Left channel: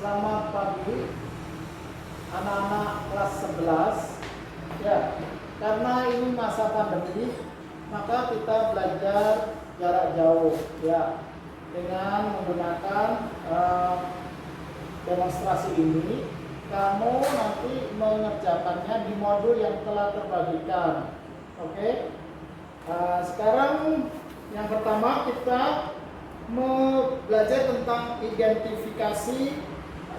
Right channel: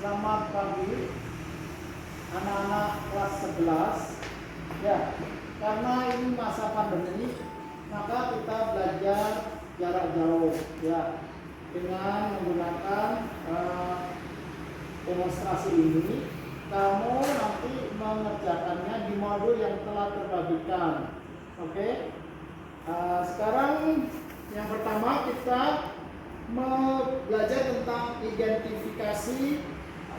Selamat pagi anak-anak kelas 11. Ya, karena ini masa pandemi, maka kita belajar jarak jauh ya, dengan menggunakan demonstrasi ini. Kamu nanti mengerjakannya di modul yang telah terbagikan. Oke. Sekarang yang pertama kita belajar tentang identifikasi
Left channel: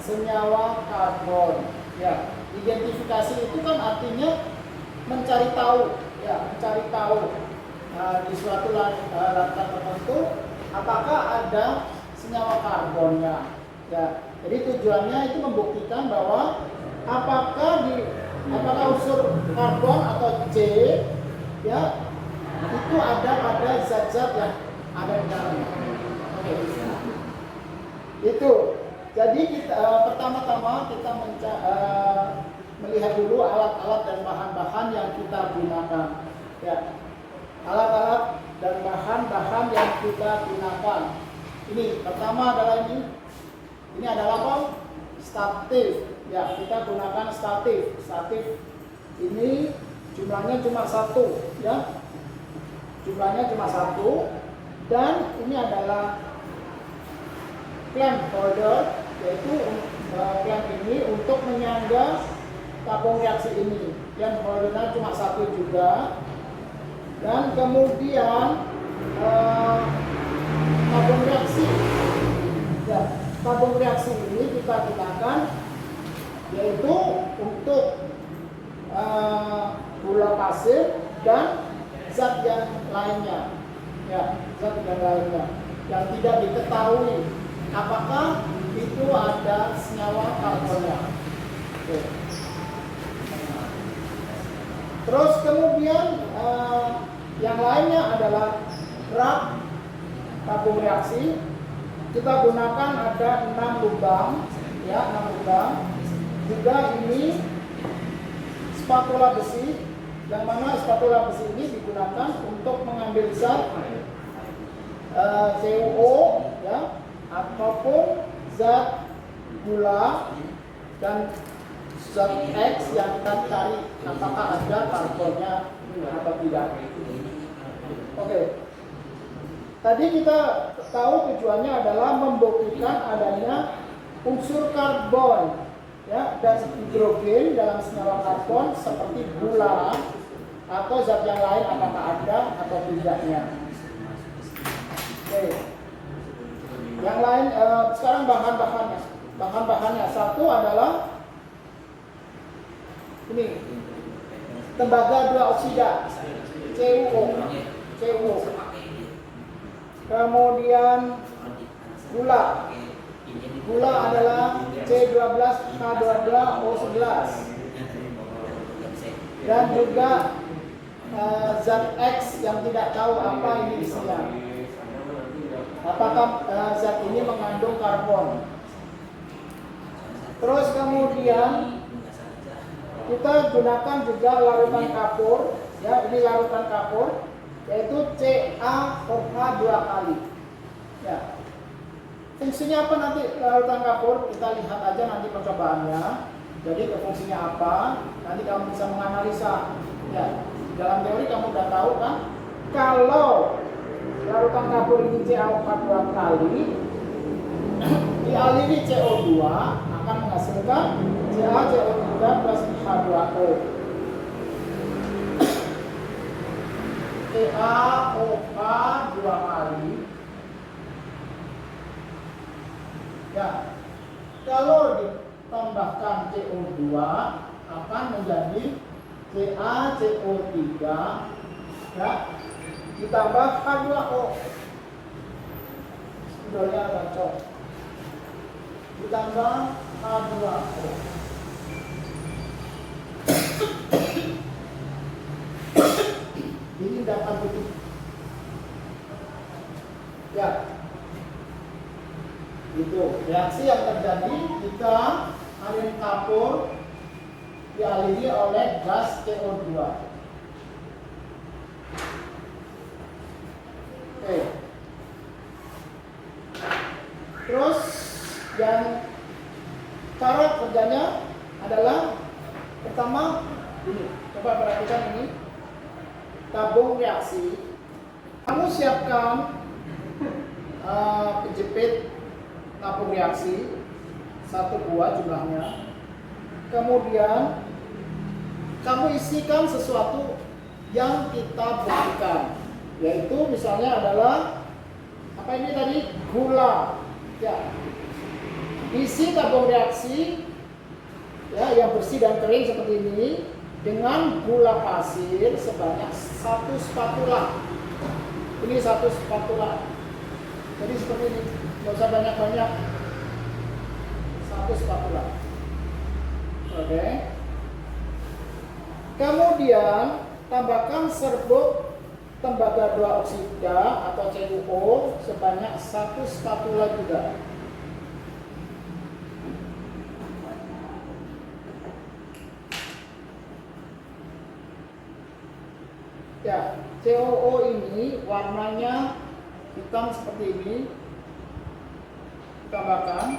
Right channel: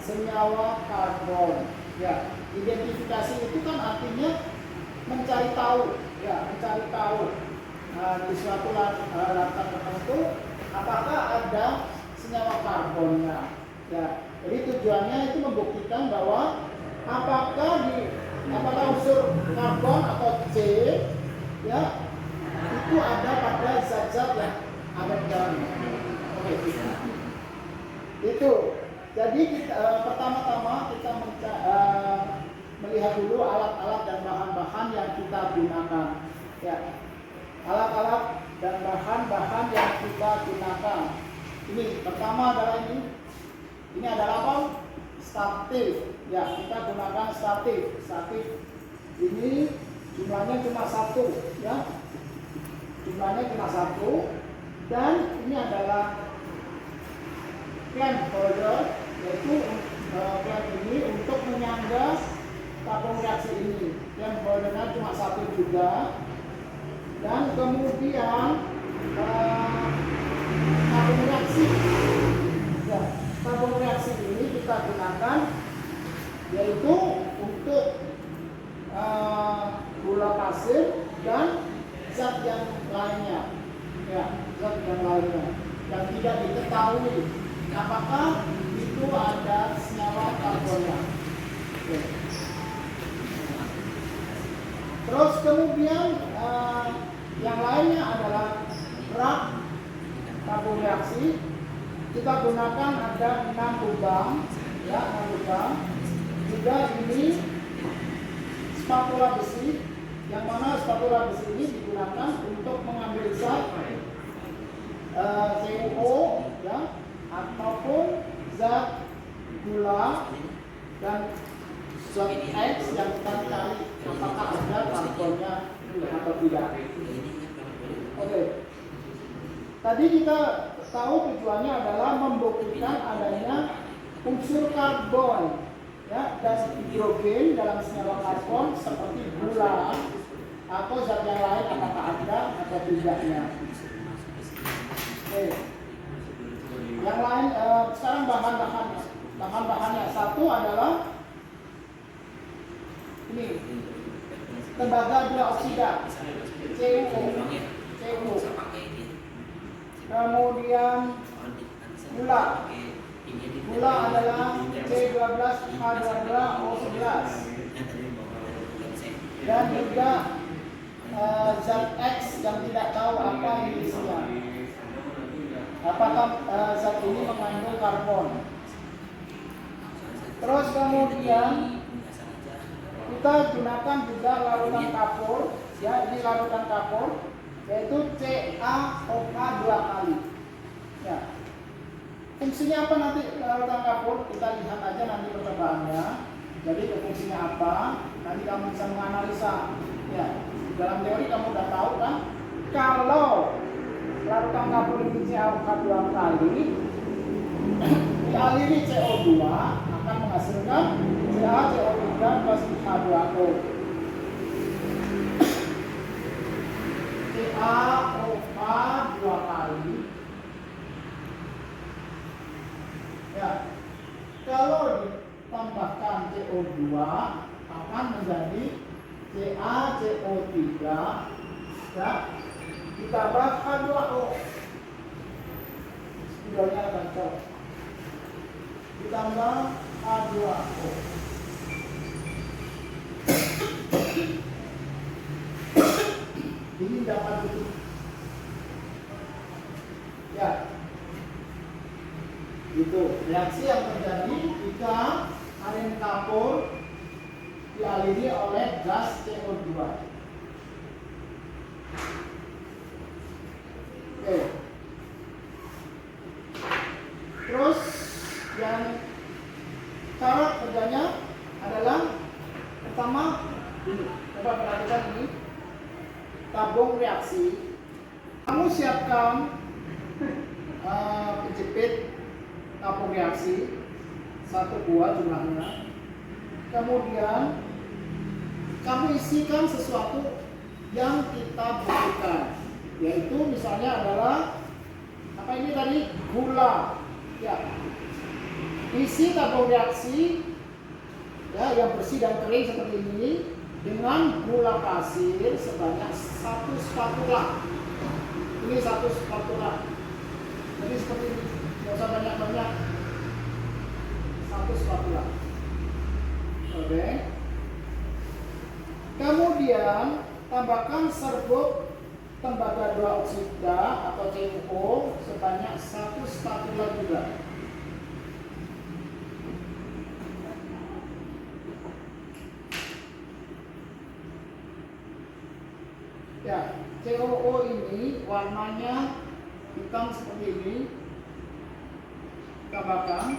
senyawa karbon. Ya, identifikasi itu kan artinya mencari tahu, ya, mencari tahu di suatu latar tertentu apakah ada senyawa karbonnya. Ya, jadi tujuannya itu membuktikan bahwa apakah unsur karbon atau C, ya, itu ada pada zat-zat yang ada di dalamnya. Oke. Itu. Jadi pertama-tama kita melihat dulu alat-alat dan bahan-bahan yang kita gunakan. Ya, alat-alat dan bahan-bahan yang kita gunakan. Ini pertama adalah ini. Ini adalah apa? Statif. Ya, kita gunakan statif. Statif ini jumlahnya cuma satu, ya. Jumlahnya cuma satu. Dan ini adalah clamp holder, yaitu clamp ini untuk menyangga tabung reaksi ini. Yang holdernya cuma satu juga. Dan kemudian tabung reaksi. Ya, tabung reaksi ini kita gunakan yaitu untuk gula pasir dan zat yang lainnya. Ya, zat yang lainnya yang tidak diketahui apakah itu ada senyawa karbonnya. Oke. Terus kemudian yang lainnya adalah rak tabung reaksi. Kita gunakan ada 6 lubang, ya, 6 lubang. Juga ini spatula besi, yang mana spatula besi ini digunakan untuk mengambil zat CuO, ya, ataupun zat gula dan zat X yang kita cari apakah ada karbonnya atau tidak. Oke. Tadi kita tahu tujuannya adalah membuktikan adanya unsur karbon, ya, dan hidrogen dalam senyawa karbon seperti gula atau zat yang lain apakah ada atau tidaknya. Oke. Yang lain sekarang bahan-bahannya. Bahan-bahannya satu adalah ini tembaga dua oksida CuO. Kemudian gula adalah C12H12O11 dan juga zat X yang tidak tahu apa ini isinya. Apakah zat ini mengandung karbon. Terus kemudian kita gunakan juga larutan kapur, ya, ini larutan kapur, yaitu CaOH 2 kali. Ya. Fungsinya apa nanti larutan kapur? Kita lihat aja nanti percobaannya. Jadi fungsinya apa? Nanti kamu bisa menganalisa. Ya. Dalam teori kamu udah tahu kan? Kalau larutan kapur ini CaOH 2 kali dialiri CO2 akan menghasilkan CaCO3 plus H2O. CaOH 2 kali. Ya, kalau ditambahkan CO2 akan menjadi CaCO3, ya, ditambah H2O. Spidolnya bacot. Ditambah H2O. Ini dapat begitu. Ya. Itu reaksi yang terjadi jika alin kapur dialiri oleh gas CO2. Oke. Terus yang Cara kerjanya adalah pertama ini, coba perhatikan ini tabung reaksi. Kamu siapkan penjepit tabung reaksi 1 buah jumlahnya. Kemudian kamu isikan sesuatu yang kita butuhkan, yaitu misalnya adalah apa ini tadi, gula. Ya, isi tabung reaksi ya yang bersih dan kering seperti ini dengan gula pasir sebanyak 1 spatula. Ini 1 spatula. Jadi seperti ini, nggak usah banyak-banyak. 1 spatula. Oke. Kemudian tambahkan serbuk tembaga 2 oksida atau CuO sebanyak 1 spatula juga. Ya, CuO ini warnanya hitam seperti ini. Tambahkan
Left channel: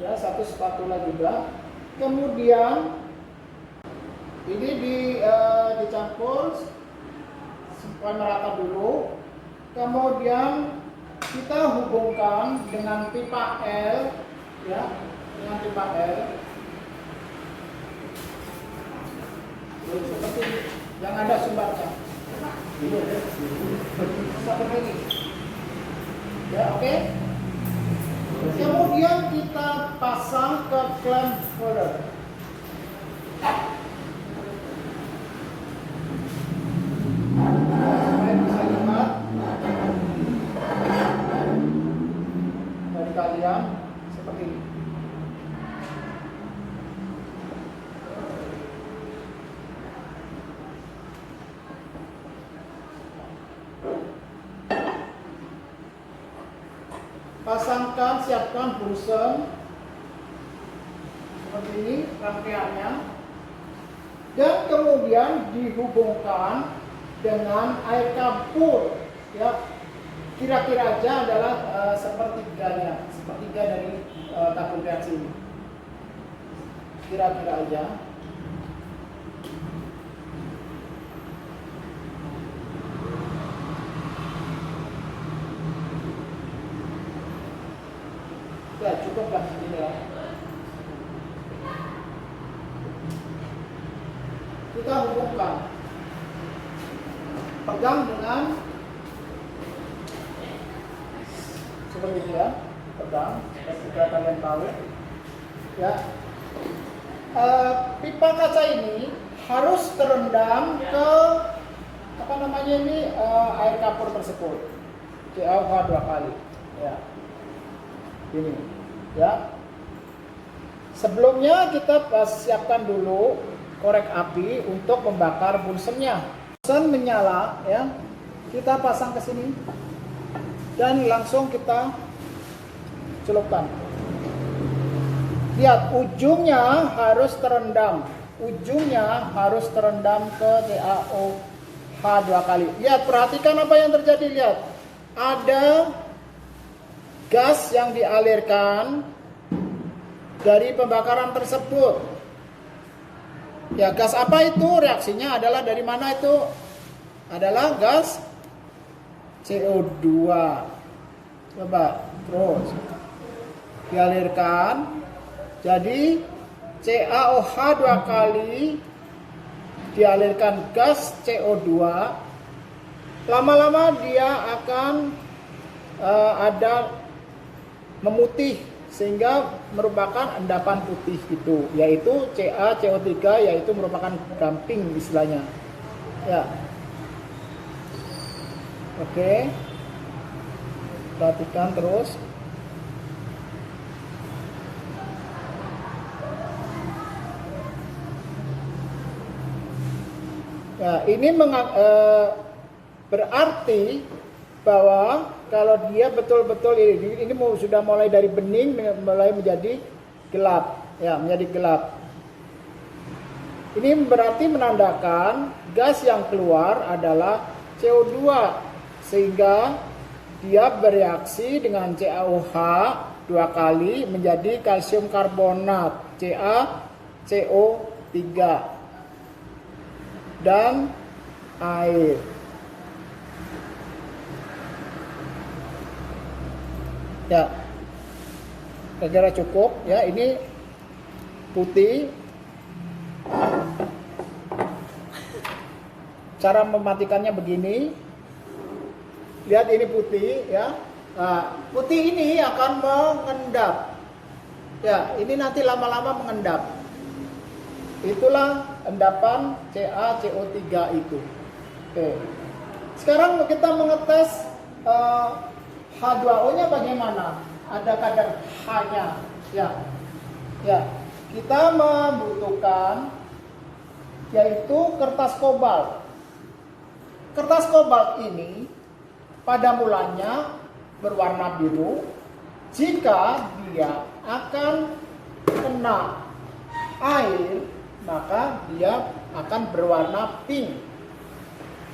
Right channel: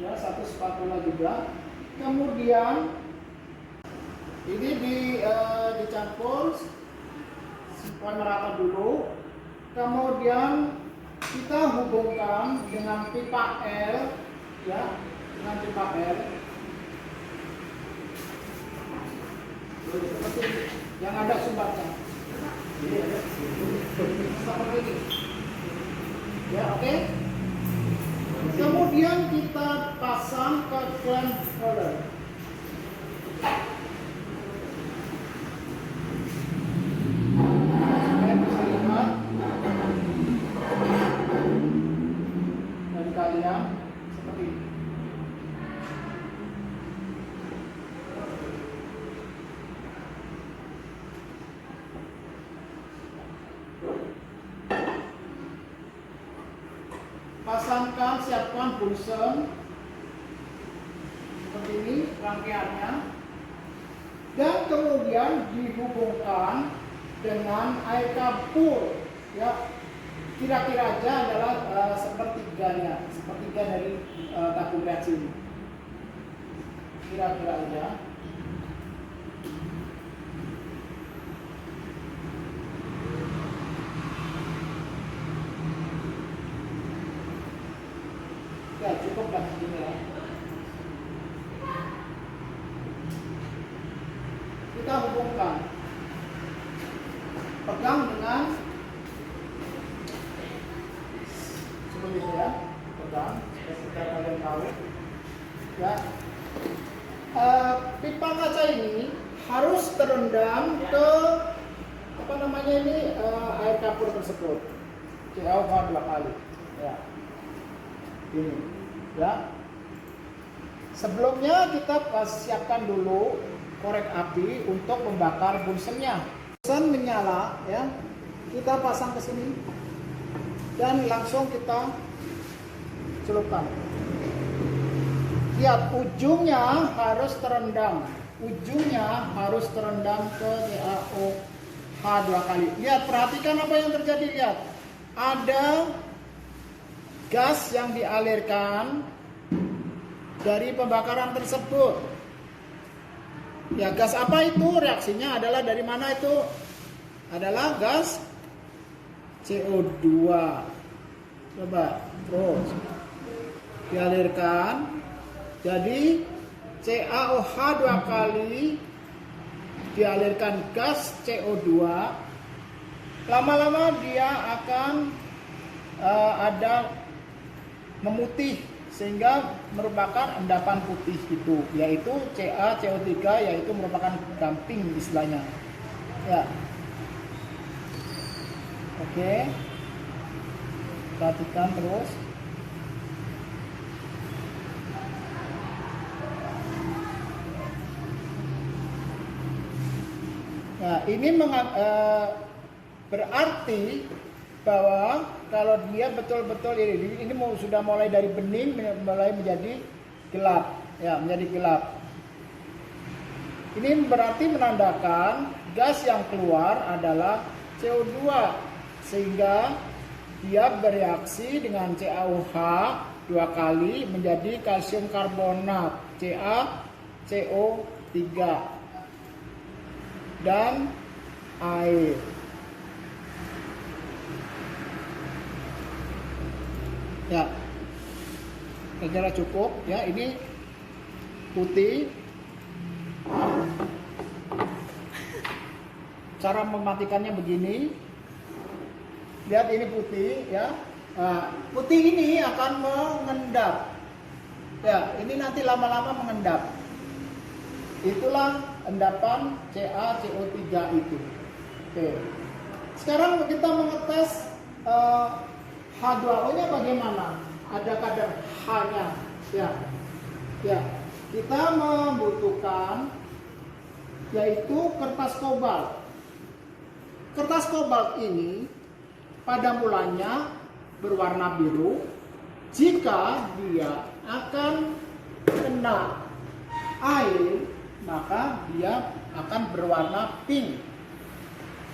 ya 1 spatula juga. Kemudian ini dicampur supaya merata dulu. Kemudian kita hubungkan dengan pipa L, ya, dengan pipa L. Seperti yang ada sumbernya. Seperti ini. Ya, oke. Kemudian kita pasang ke clamp holder. Kalian bisa lihat dari kalian seperti ini. Pasangkan, siapkan bunsen seperti ini rangkaiannya, dan kemudian dihubungkan dengan air campur, ya, kira-kira aja adalah sepertiganya, sepertiga dari tabung reaksi ini, kira-kira aja. Ya, cukup lah segini lah. Kita hubungkan, pegang dengan seperti ini ya, pegang, supaya kalian tahu. Ya, pipa kaca ini harus terendam ke apa namanya ini air campur tersebut, CuO 2 kali. Ya. Ini ya, sebelumnya kita siapkan dulu korek api untuk membakar bunsennya. Bunsen menyala ya, kita pasang ke sini dan langsung kita celupkan. Lihat, ujungnya harus terendam, ujungnya harus terendam ke CaOH 2 kali. Lihat, perhatikan apa yang terjadi. Lihat, ada gas yang dialirkan dari pembakaran tersebut. Ya, gas apa itu? Reaksinya adalah dari mana itu? Adalah gas CO2. Coba, terus dialirkan. Jadi CaOH 2 kali dialirkan gas CO2. Lama-lama dia akan ada memutih sehingga merupakan endapan putih itu, yaitu CaCO3, yaitu merupakan gamping istilahnya. Ya. Oke. Perhatikan terus. Nah, ini berarti bahwa kalau dia betul-betul ini sudah mulai dari bening mulai menjadi gelap, ya, menjadi gelap. Ini berarti menandakan gas yang keluar adalah CO2, sehingga dia bereaksi dengan CaOH 2 kali menjadi kalsium karbonat CaCO3 dan air. Ya, kira-kira cukup ya. Ini putih. Cara mematikannya begini. Lihat ini putih ya. Nah, putih ini akan mengendap. Ya, ini nanti lama-lama mengendap. Itulah endapan CaCO3 itu. Oke. Sekarang kita mengetes H2O-nya bagaimana? Ada kadar H-nya. Ya. Ya, kita membutuhkan yaitu kertas kobalt. Kertas kobalt ini pada mulanya berwarna biru. Jika dia akan kena air, maka dia akan berwarna pink.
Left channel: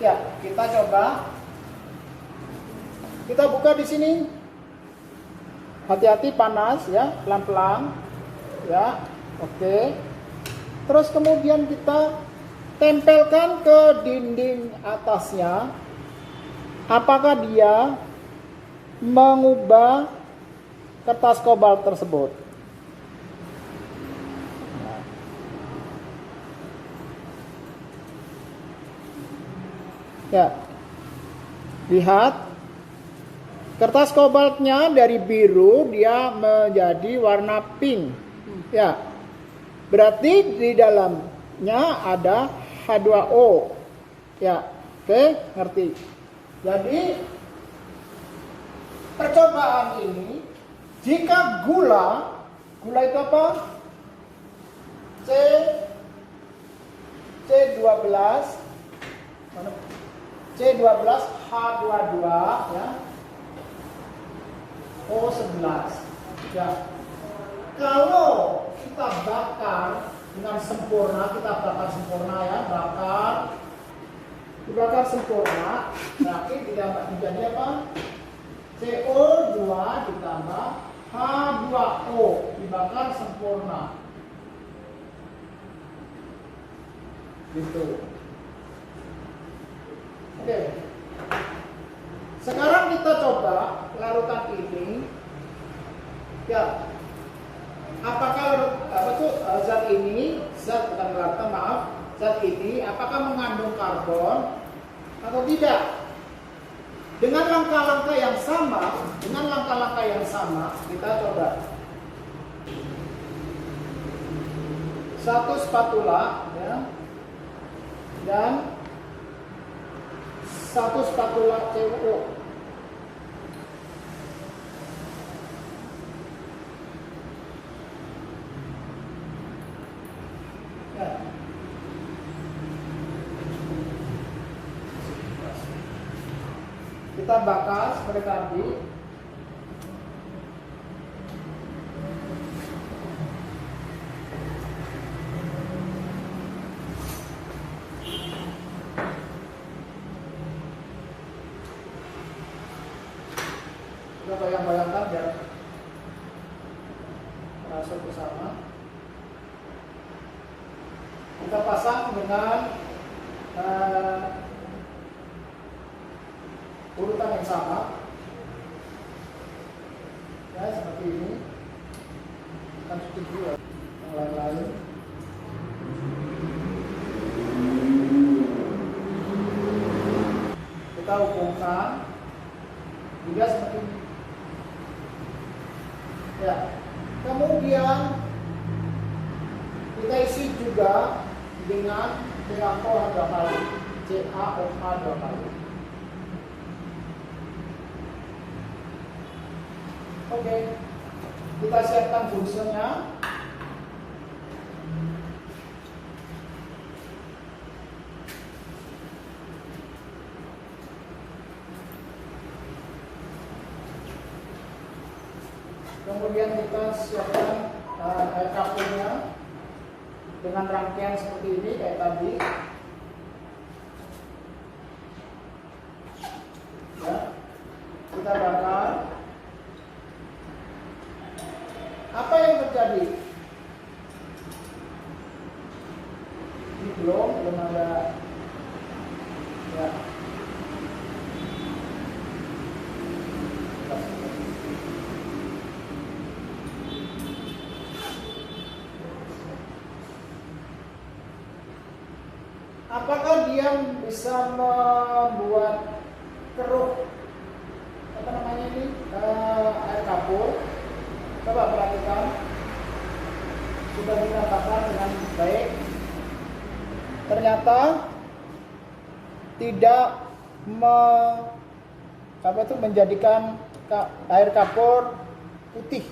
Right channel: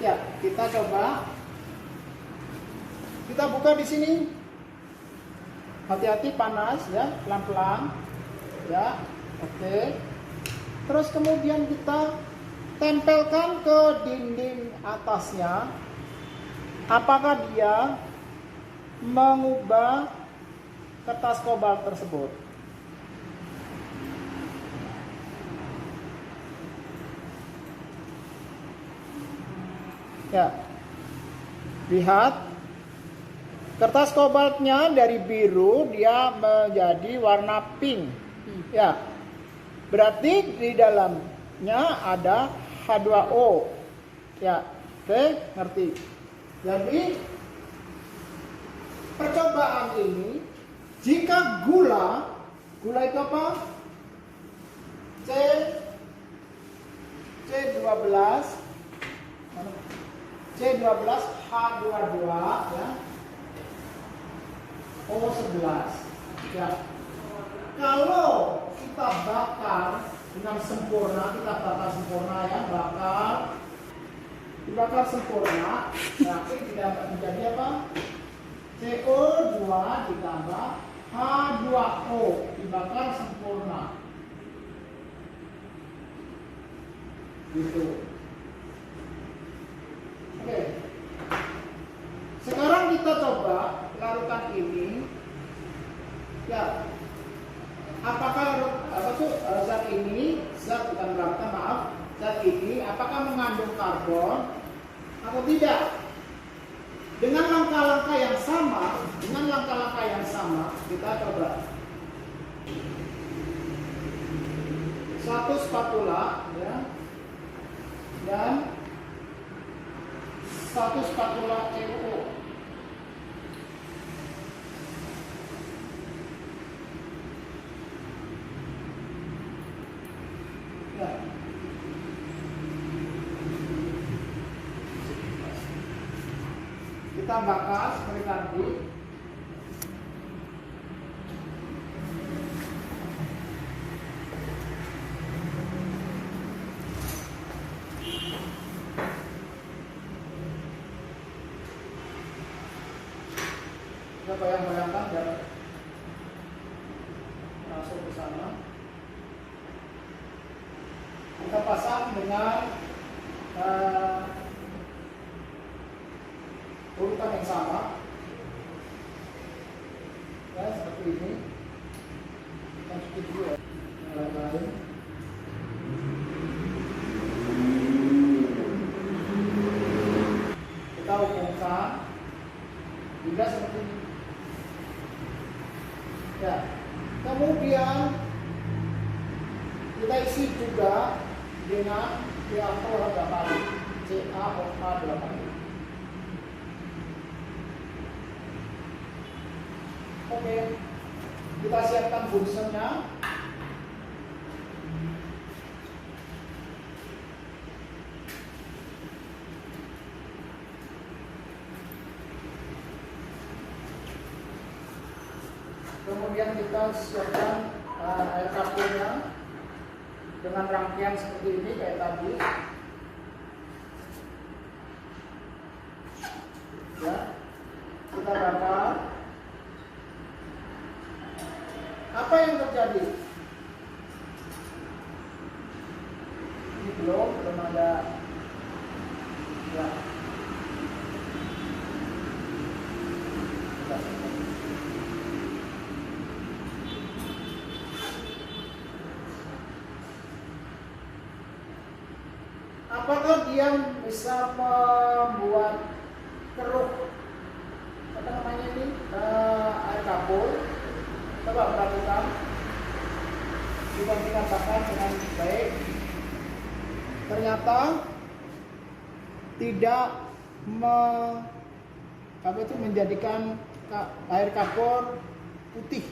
Ya, kita coba. Kita buka di sini. Hati-hati panas ya, pelan-pelan. Ya, oke. Terus kemudian kita tempelkan ke dinding atasnya. Apakah dia mengubah kertas kobalt tersebut? Ya, lihat. Kertas kobaltnya dari biru dia menjadi warna pink. Ya. Berarti di dalamnya ada H2O. Ya. Oke, ngerti. Jadi percobaan ini jika gula itu apa? C12 H22 ya. O11 ya. Kalau kita bakar dengan sempurna, kita bakar sempurna ya, dibakar sempurna, berarti tidak menjadi apa? CO2 ditambah H2O dibakar sempurna. Gitu. Oke. Sekarang kita coba larutan ini. Ya. Apakah zat ini, bukan larutan, maaf, zat ini apakah mengandung karbon atau tidak? Dengan langkah-langkah yang sama, kita coba. Satu spatula ya. Dan satu spatula CuO. Kita bakar seperti tadi. Kita bayang-bayangkan biar masuk ke sana. Kita pasang dengan urutan yang sama ya, seperti ini. Kita tutup dulu yang lain-lain. Kita hubungkan hingga seperti ini ya. Kemudian kita isi juga dengan CaO 2 kali, CaOH 2 kali. Oke, kita siapkan bunselnya. Kemudian kita siapkan air kapurnya dengan rangkaian seperti ini kayak tadi. Ya, kita bakar. Apa yang terjadi? Ini belum ada ya. Apakah dia bisa membuat keruh apa namanya ini air kapur? Coba perhatikan, sudah dikatakan dengan baik. Ternyata tidak menjadikan air kapur putih,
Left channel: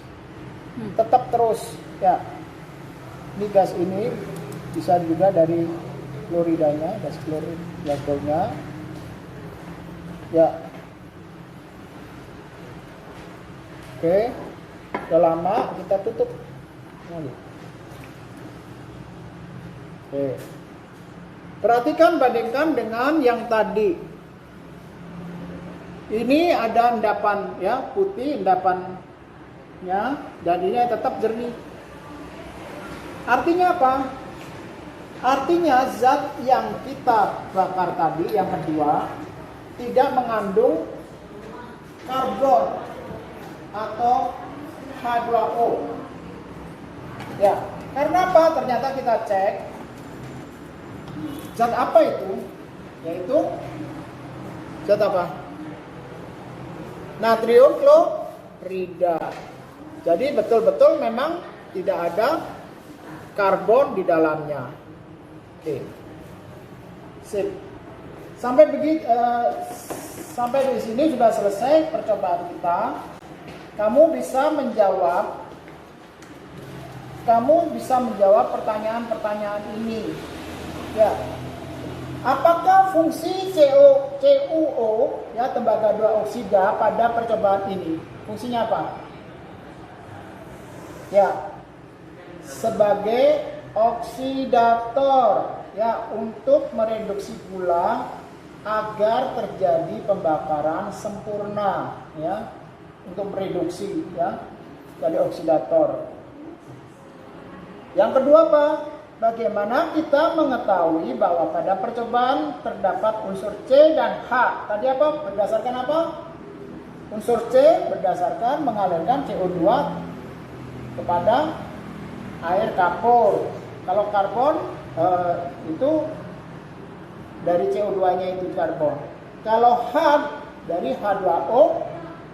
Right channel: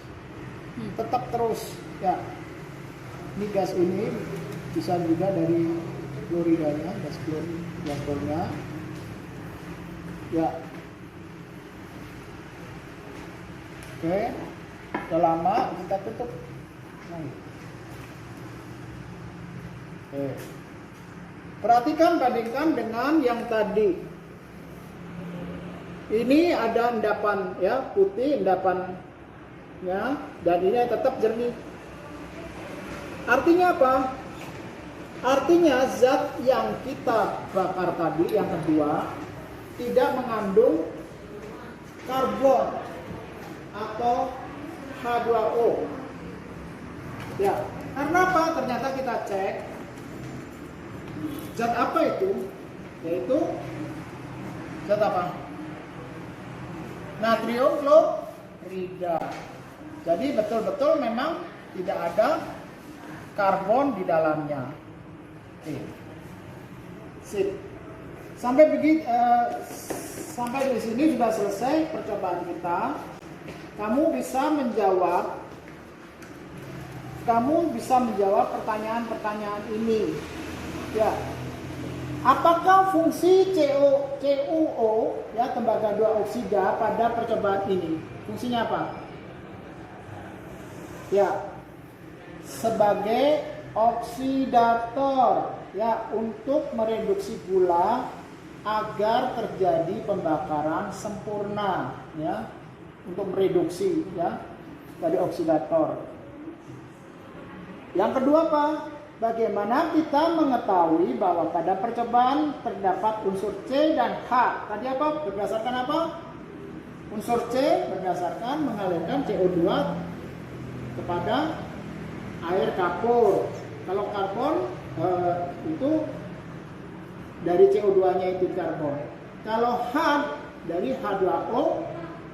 tetap terus ya. Ini gas ini bisa juga dari kloridanya, gas klornya ya. Oke, udah lama kita tutup. Oke. Perhatikan, bandingkan dengan yang tadi. Ini ada endapan ya, putih endapan ya, dan ini tetap jernih. Artinya apa? Artinya zat yang kita bakar tadi, yang kedua, tidak mengandung karbon atau H2O. Ya, karena apa? Ternyata kita cek zat apa itu? Yaitu zat apa? Natrium klorida. Jadi betul-betul memang tidak ada karbon di dalamnya. Oke. Sip. Sampai di sini sudah selesai percobaan kita. Kamu bisa menjawab pertanyaan-pertanyaan ini. Ya. Apakah fungsi CuO ya, tembaga 2 oksida pada percobaan ini? Fungsinya apa? Ya. Sebagai oksidator ya, untuk mereduksi gula agar terjadi pembakaran sempurna ya, untuk mereduksi ya, jadi oksidator. Yang kedua apa? Bagaimana kita mengetahui bahwa pada percobaan terdapat unsur C dan H? Tadi apa? Berdasarkan apa? Unsur C berdasarkan mengalirkan CO2 kepada air kapur. Kalau karbon itu dari CO2-nya itu karbon. Kalau H dari H2O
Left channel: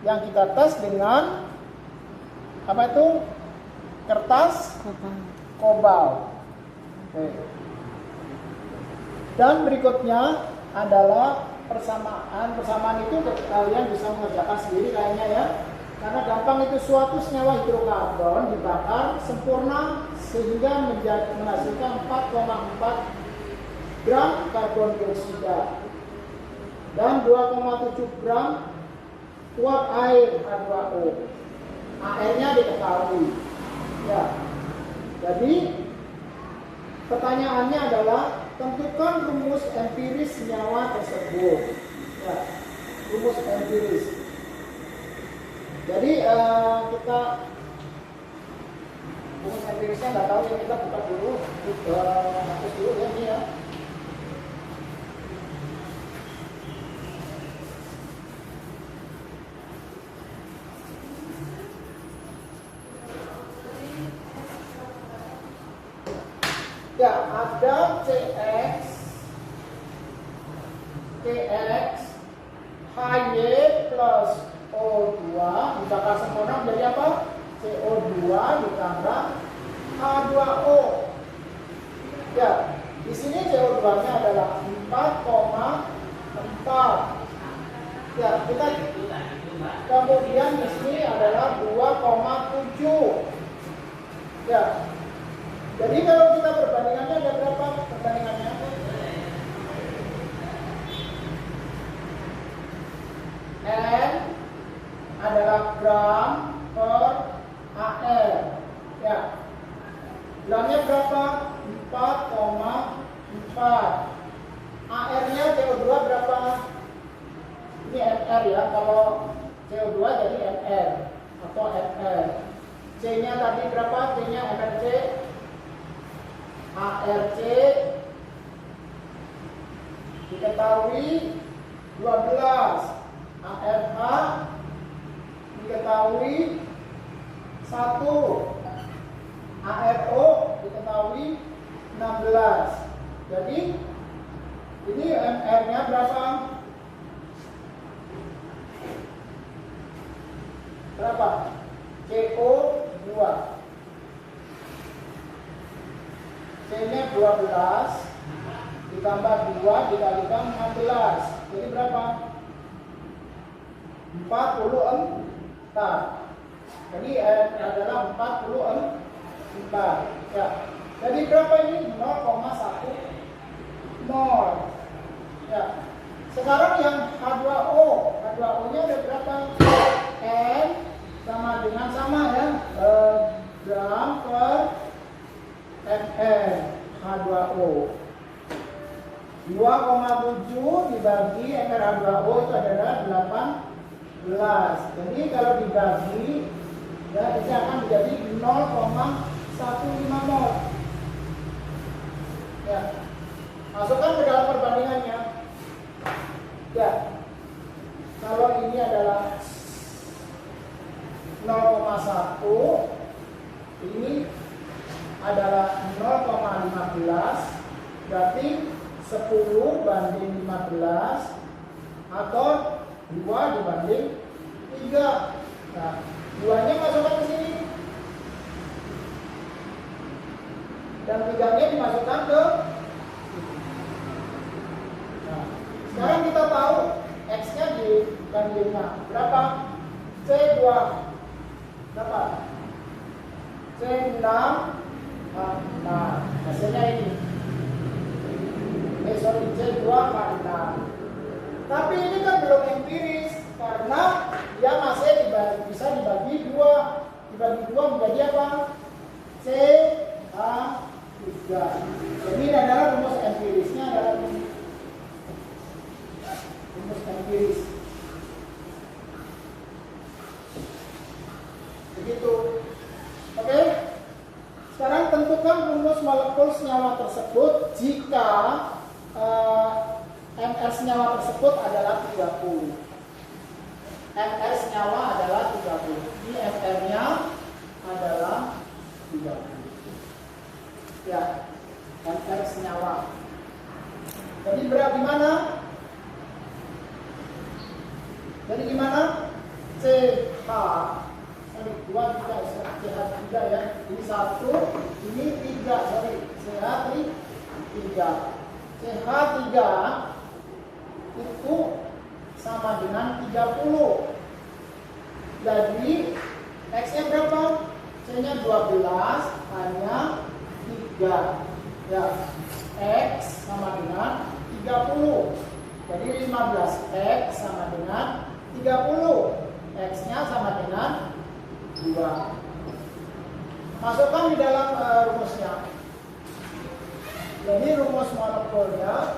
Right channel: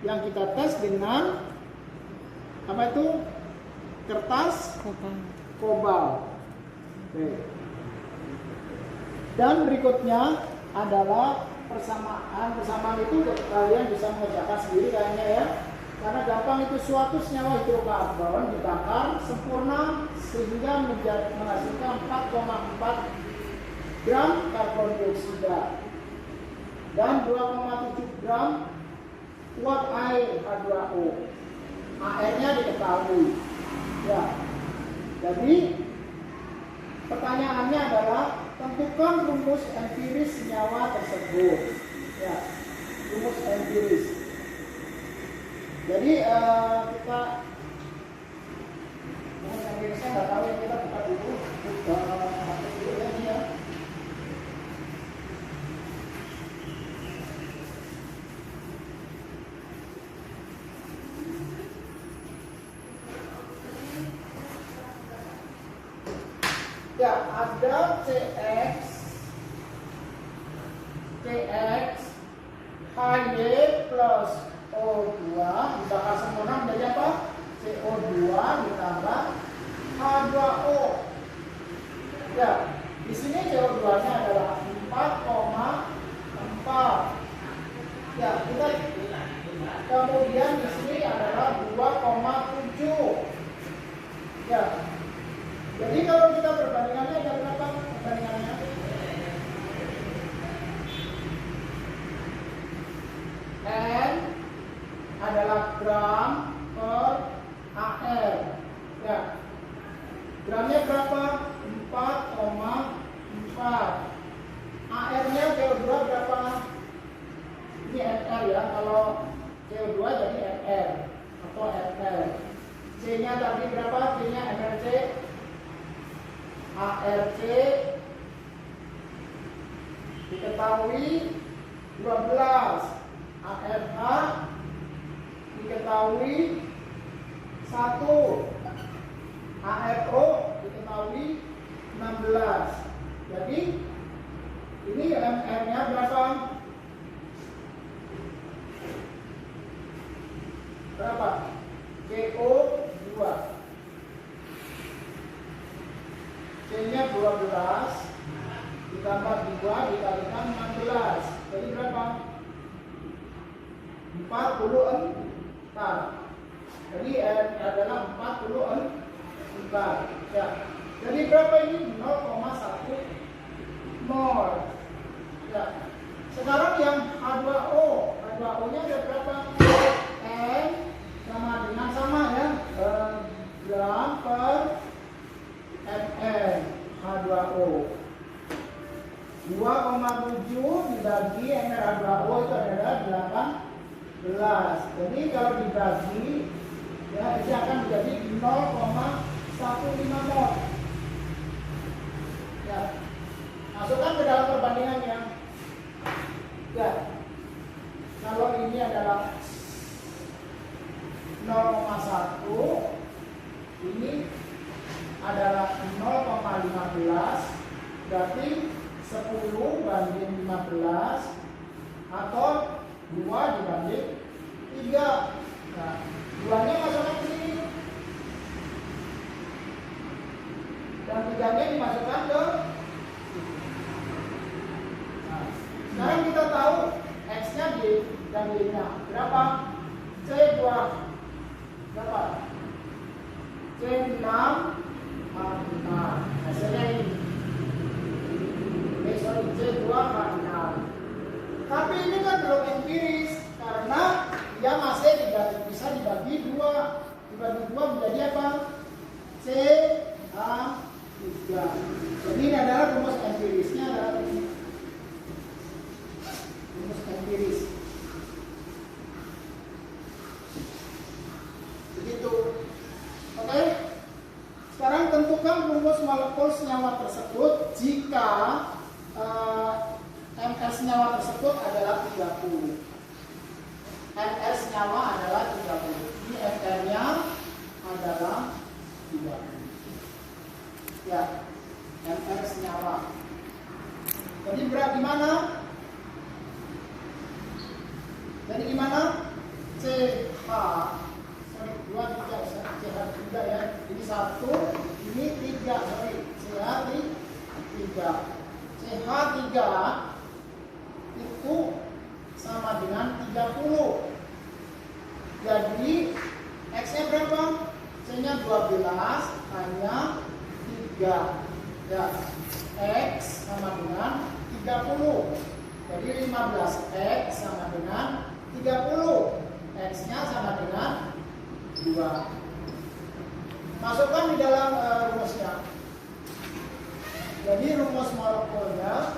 yang kita tes dengan apa itu? Kertas kobalt. Dan berikutnya adalah persamaan itu kalian bisa mengerjakan sendiri kayaknya ya, karena gampang. Itu suatu senyawa hidrokarbon dibakar sempurna sehingga menghasilkan 4,4 gram karbon dioksida dan 2,7 gram uap air H2O. AR-nya diketahui ya. Jadi pertanyaannya adalah tentukan rumus empiris senyawa tersebut. Ya, rumus empiris. Jadi kita rumus empirisnya nggak tahu ya, kita buka dulu, hapus dulu ya ini ya. Ya, ada CX HY plus O2 dibakar sempurna menjadi apa? CO2 ditambah H2O. Ya, di sini CO2-nya adalah 4,4. Ya, kita kemudian di sini adalah 2,7. Ya. Jadi kalau kita perbandingannya ada berapa perbandingannya? N adalah gram per AR. Ya. Gramnya berapa? 4,4. AR-nya CO2 berapa? Ini NR ya. Kalau CO2 jadi NR atau NR. C C-nya tadi berapa? C-nya MRC, ARC diketahui 12, ARH diketahui 1, ARO diketahui 16. Jadi ini MR-nya berapa? Berapa? CO 2. C-nya 12 ditambah 2 dikalikan 16. Jadi berapa? 44. Jadi adalah 44. Ya. Jadi berapa ini? 0,10. Ya. Sekarang yang H2O. H2O-nya ada berapa? N sama ya. Gram per ml H2O. 2,7 dibagi ml H2O itu adalah 18. Jadi kalau dibagi ya ini akan menjadi 0,15 mol. Ya. Masukkan ke dalam perbandingannya. Ya. Kalau ini adalah 0,1, ini adalah 0,15, berarti 10 banding 15 atau 2 dibanding 3. Nah, 2-nya masukkan ke sini dan 3-nya dimasukkan ke sini. Nah, sekarang kita tahu X-nya dan Y-nya berapa? C2 berapa? C6 H4. Hasilnya ini. C2 H6. Tapi ini kan belum empiris karena dia masih bisa dibagi 2. Dibagi 2 menjadi apa? CH3. Jadi ini adalah rumus empirisnya adalah ini. Rumus empiris. Begitu. Oke. Sekarang tentukan rumus molekul senyawa tersebut jika MR senyawa tersebut adalah 30. MR senyawa adalah 30. Ini MR-nya adalah 30. Ya, MR senyawa. Jadi berat gimana? Jadi gimana? CH 2 tidak CH3 ya. Ini 1, ini 3, sorry. CH3. CH3 itu sama dengan 30. Jadi X-nya berapa? C-nya 12, hanya 3. Ya, X sama dengan 30. Jadi 15X sama dengan 30. X-nya sama dengan 2. Masukkan di dalam rumusnya. Jadi rumus molekulnya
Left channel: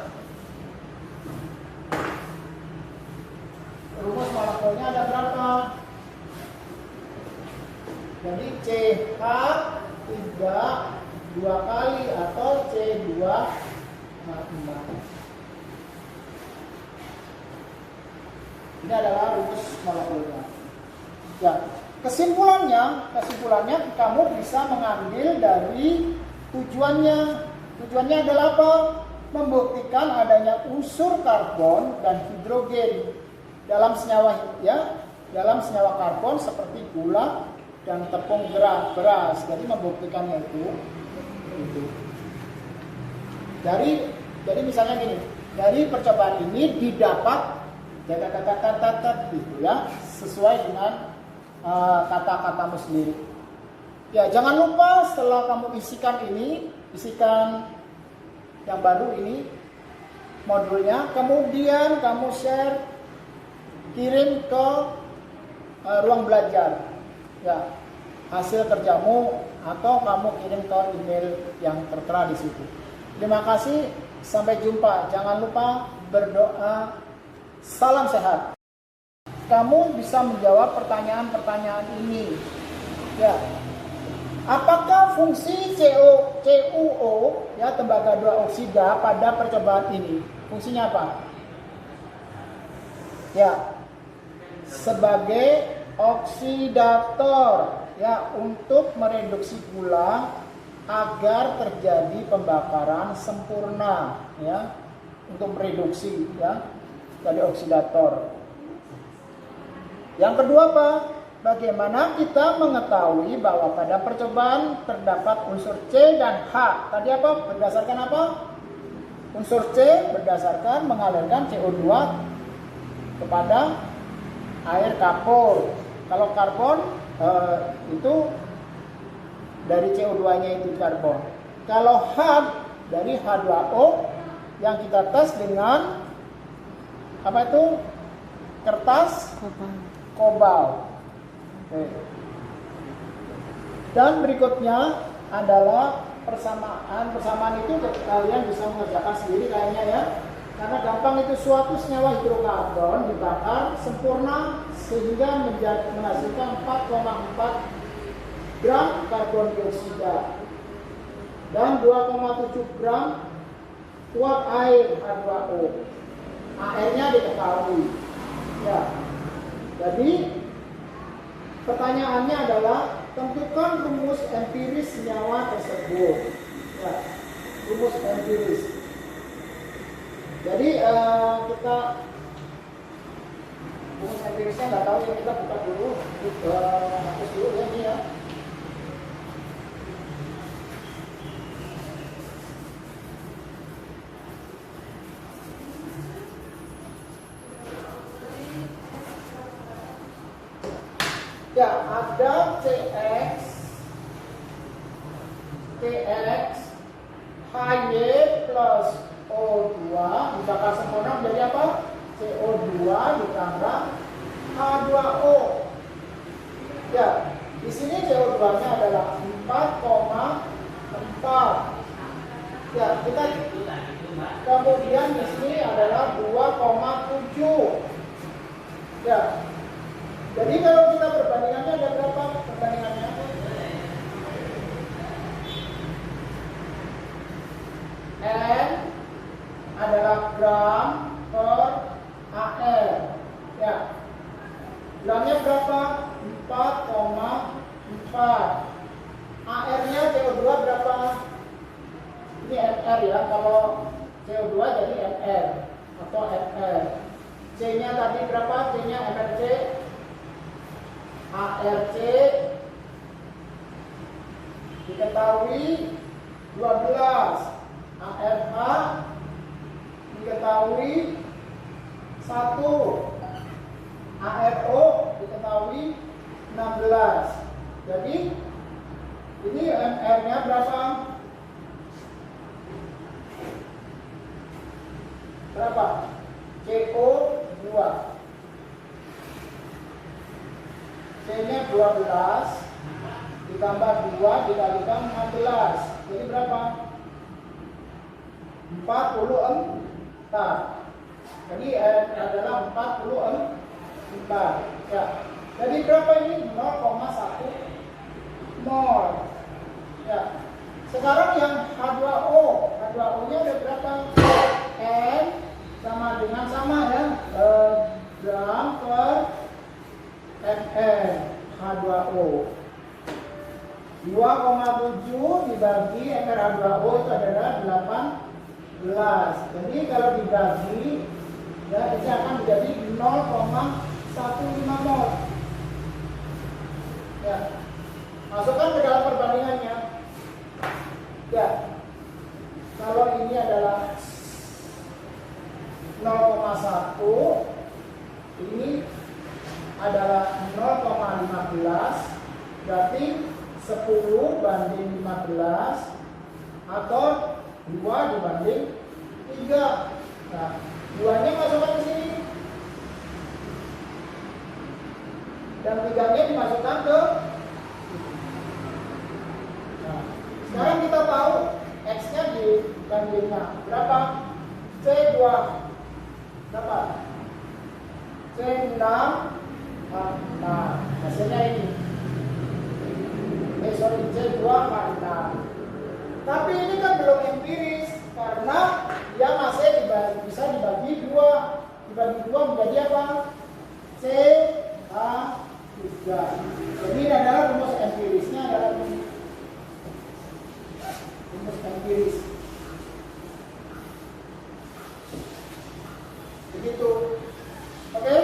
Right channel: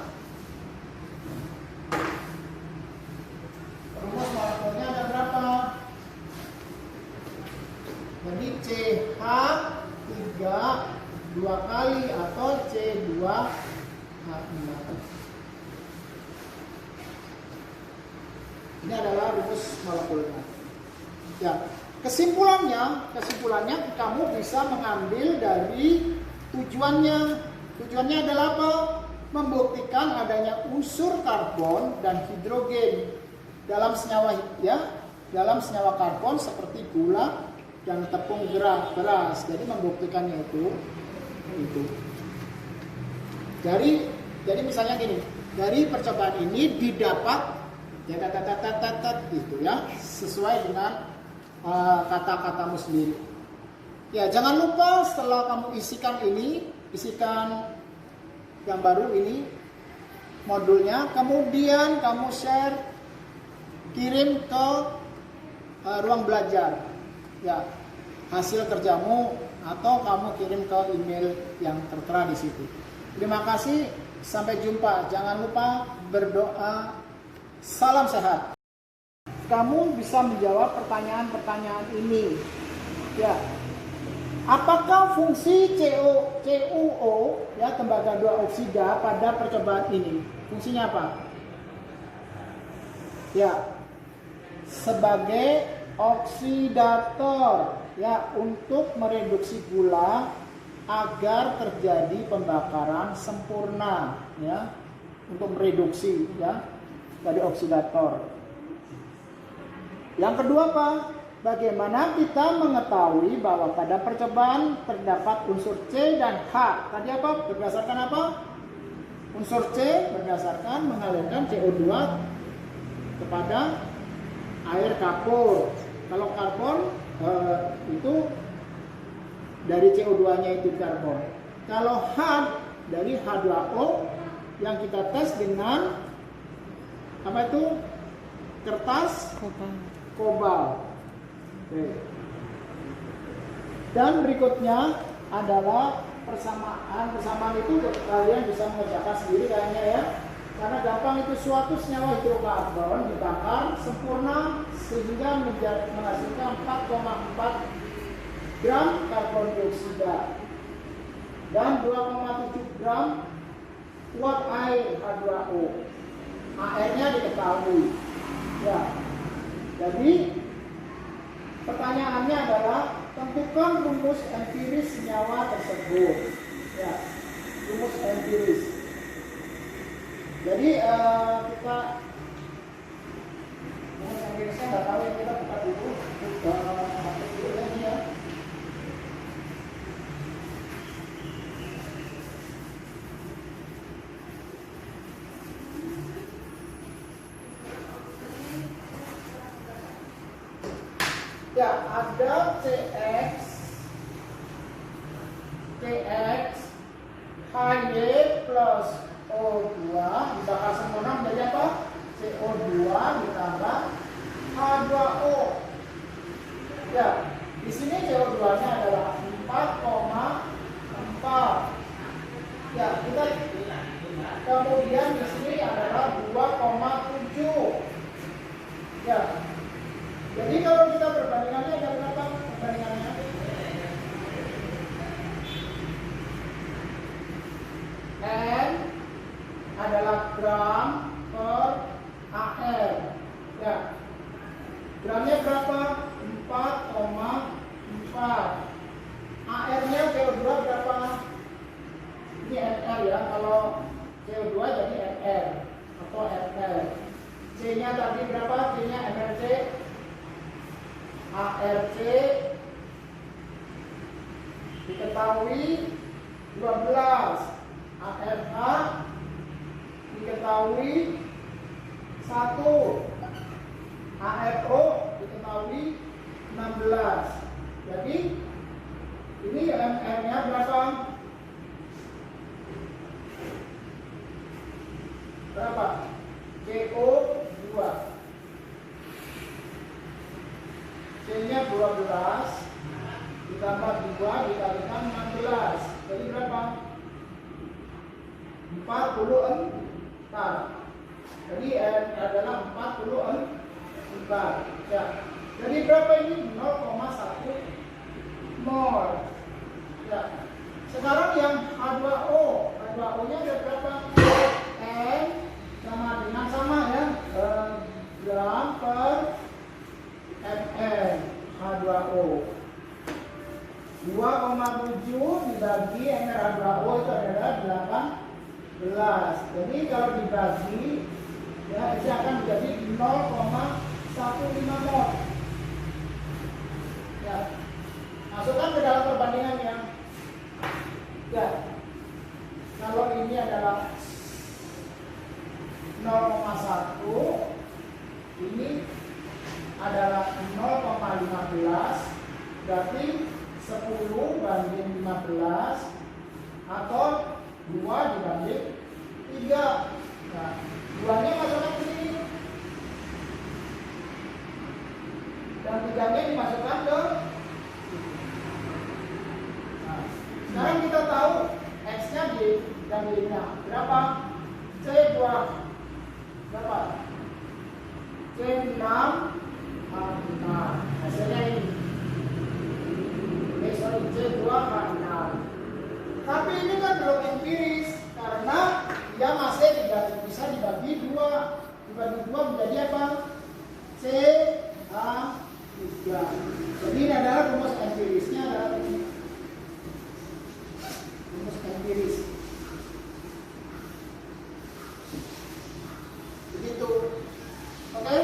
ada berapa? Jadi CH3 2 kali atau C2H5. Ini adalah rumus molekulnya. Ya, kesimpulannya kamu bisa mengambil dari tujuannya. Tujuannya adalah apa? Membuktikan adanya unsur karbon dan hidrogen dalam senyawa dalam senyawa karbon seperti gula dan tepung beras. Jadi membuktikannya itu. Jadi misalnya gini, dari percobaan ini didapat gitu ya, sesuai dengan kata-katamu sendiri. Ya, jangan lupa setelah kamu isikan yang baru ini modulnya, kemudian kamu share, kirim ke ruang belajar ya hasil kerjamu, atau kamu kirim ke email yang tertera di situ. Terima kasih, sampai jumpa. Jangan lupa berdoa. Salam sehat. Kamu bisa menjawab pertanyaan-pertanyaan ini ya. Apakah fungsi CuO ya tembaga 2 oksida pada percobaan ini? Fungsinya apa? Ya, sebagai oksidator ya untuk mereduksi gula agar terjadi pembakaran sempurna ya, untuk mereduksi ya dari oksidator. Yang kedua apa? Bagaimana kita mengetahui bahwa pada percobaan terdapat unsur C dan H? Tadi apa? Berdasarkan apa? Unsur C berdasarkan mengalirkan CO2 kepada air kapur. Kalau karbon itu dari CO2-nya itu karbon. Kalau H dari H2O yang kita tes dengan apa itu? Kertas kobalt. Dan berikutnya adalah persamaan. Persamaan itu kalian bisa mengerjakan sendiri kayaknya ya. Karena gampang, itu suatu senyawa hidrokarbon dibakar sempurna sehingga menghasilkan 4,4 gram karbon dioksida dan 2,7 gram uap air H2O. AR-nya diketahui. Ya. Jadi pertanyaannya adalah tentukan rumus empiris senyawa tersebut. Ya, rumus empiris. Jadi kita rumus empirisnya nggak tahu ya, kita buka dulu, hapus dulu ya ini ya. Ya, ada CX HY plus O2 dibakar sempurna menjadi apa? CO2 ditambah H2O. Ya, di sini CO2-nya adalah 4,4. Ya, kita kemudian di sini adalah 2,7. Ya. Jadi kalau kita perbandingannya ada berapa perbandingannya? N adalah gram per AR. Ya. Gramnya berapa? 4,4. AR-nya CO2 berapa? Ini MR ya. Kalau CO2 jadi MR atau FR. C-nya tadi berapa? C-nya MRC. ARC diketahui 12, ARH diketahui 1, ARO diketahui 16. Jadi ini MR-nya berapa? Berapa? CO2. C-nya 12 ditambah 2 dikalikan 16. Jadi berapa? 44. Jadi adalah 44. Ya. Jadi berapa ini? 0,1 mol. Ya. Sekarang yang H2O. H2O-nya ada berapa? N sama dengan sama ya. Gram per ml H2O. 2,7 dibagi ml H2O itu adalah 18. Jadi kalau dibagi ya itu akan menjadi 0,15 mol. Ya. Masukkan ke dalam perbandingannya. Ya. Kalau ini adalah 0,1, ini adalah 0,15, berarti 10 banding 15 atau 2 dibanding 3. Nah, 2-nya masukkan ke sini dan 3-nya dimasukkan ke. Nah, sekarang kita tahu X-nya digandingnya berapa? C2 berapa? C6. Nah, hasilnya ini. Sorry. C2 H6. Tapi ini kan belum empiris karena dia masih bisa dibagi dua. Dibagi dua menjadi apa? CH3. Jadi ini adalah rumus empirisnya adalah rumus empiris. Begitu. Oke.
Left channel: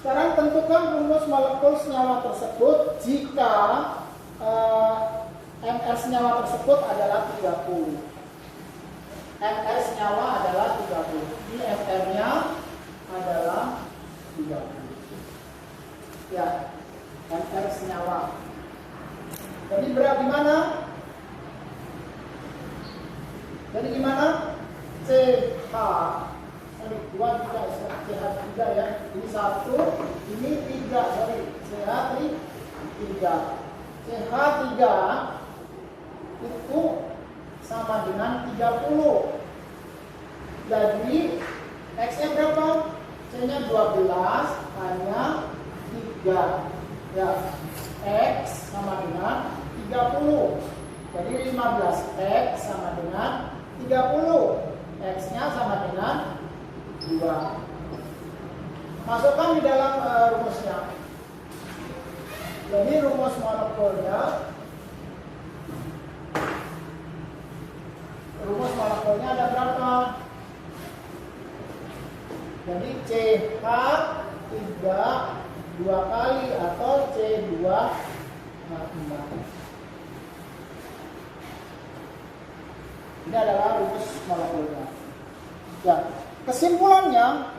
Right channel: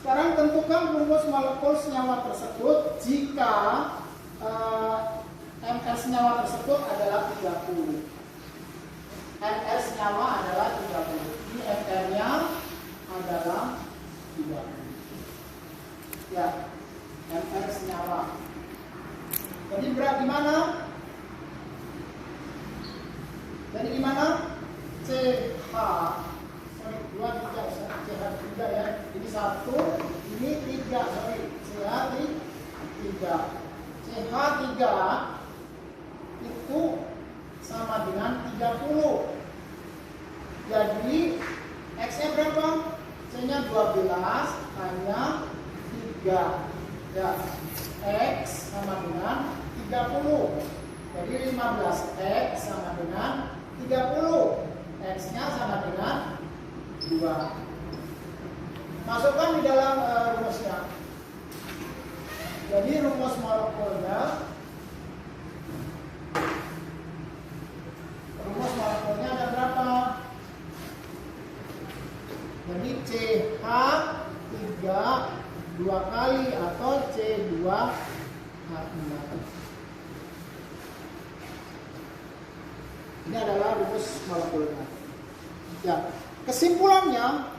Sekarang tentukan rumus molekul senyawa tersebut jika MR senyawa tersebut adalah 30. MR senyawa adalah 30. Ini MR-nya adalah 30. Ya, MR senyawa. Jadi berat gimana? Jadi gimana? CH. Sorry, 2 3 CH3 ya. Ini 1, ini 3, sorry. CH3. CH3 itu sama dengan 30. Jadi X-nya berapa? C-nya 12 hanya 3. Ya. X sama dengan 30. Jadi 15X sama dengan 30. X-nya sama dengan 2. Masukkan di dalam rumusnya. Jadi rumus molekulnya ada berapa? Jadi CH3 2 kali atau C2H6. Ini adalah rumus molekulnya. Ya, kesimpulannya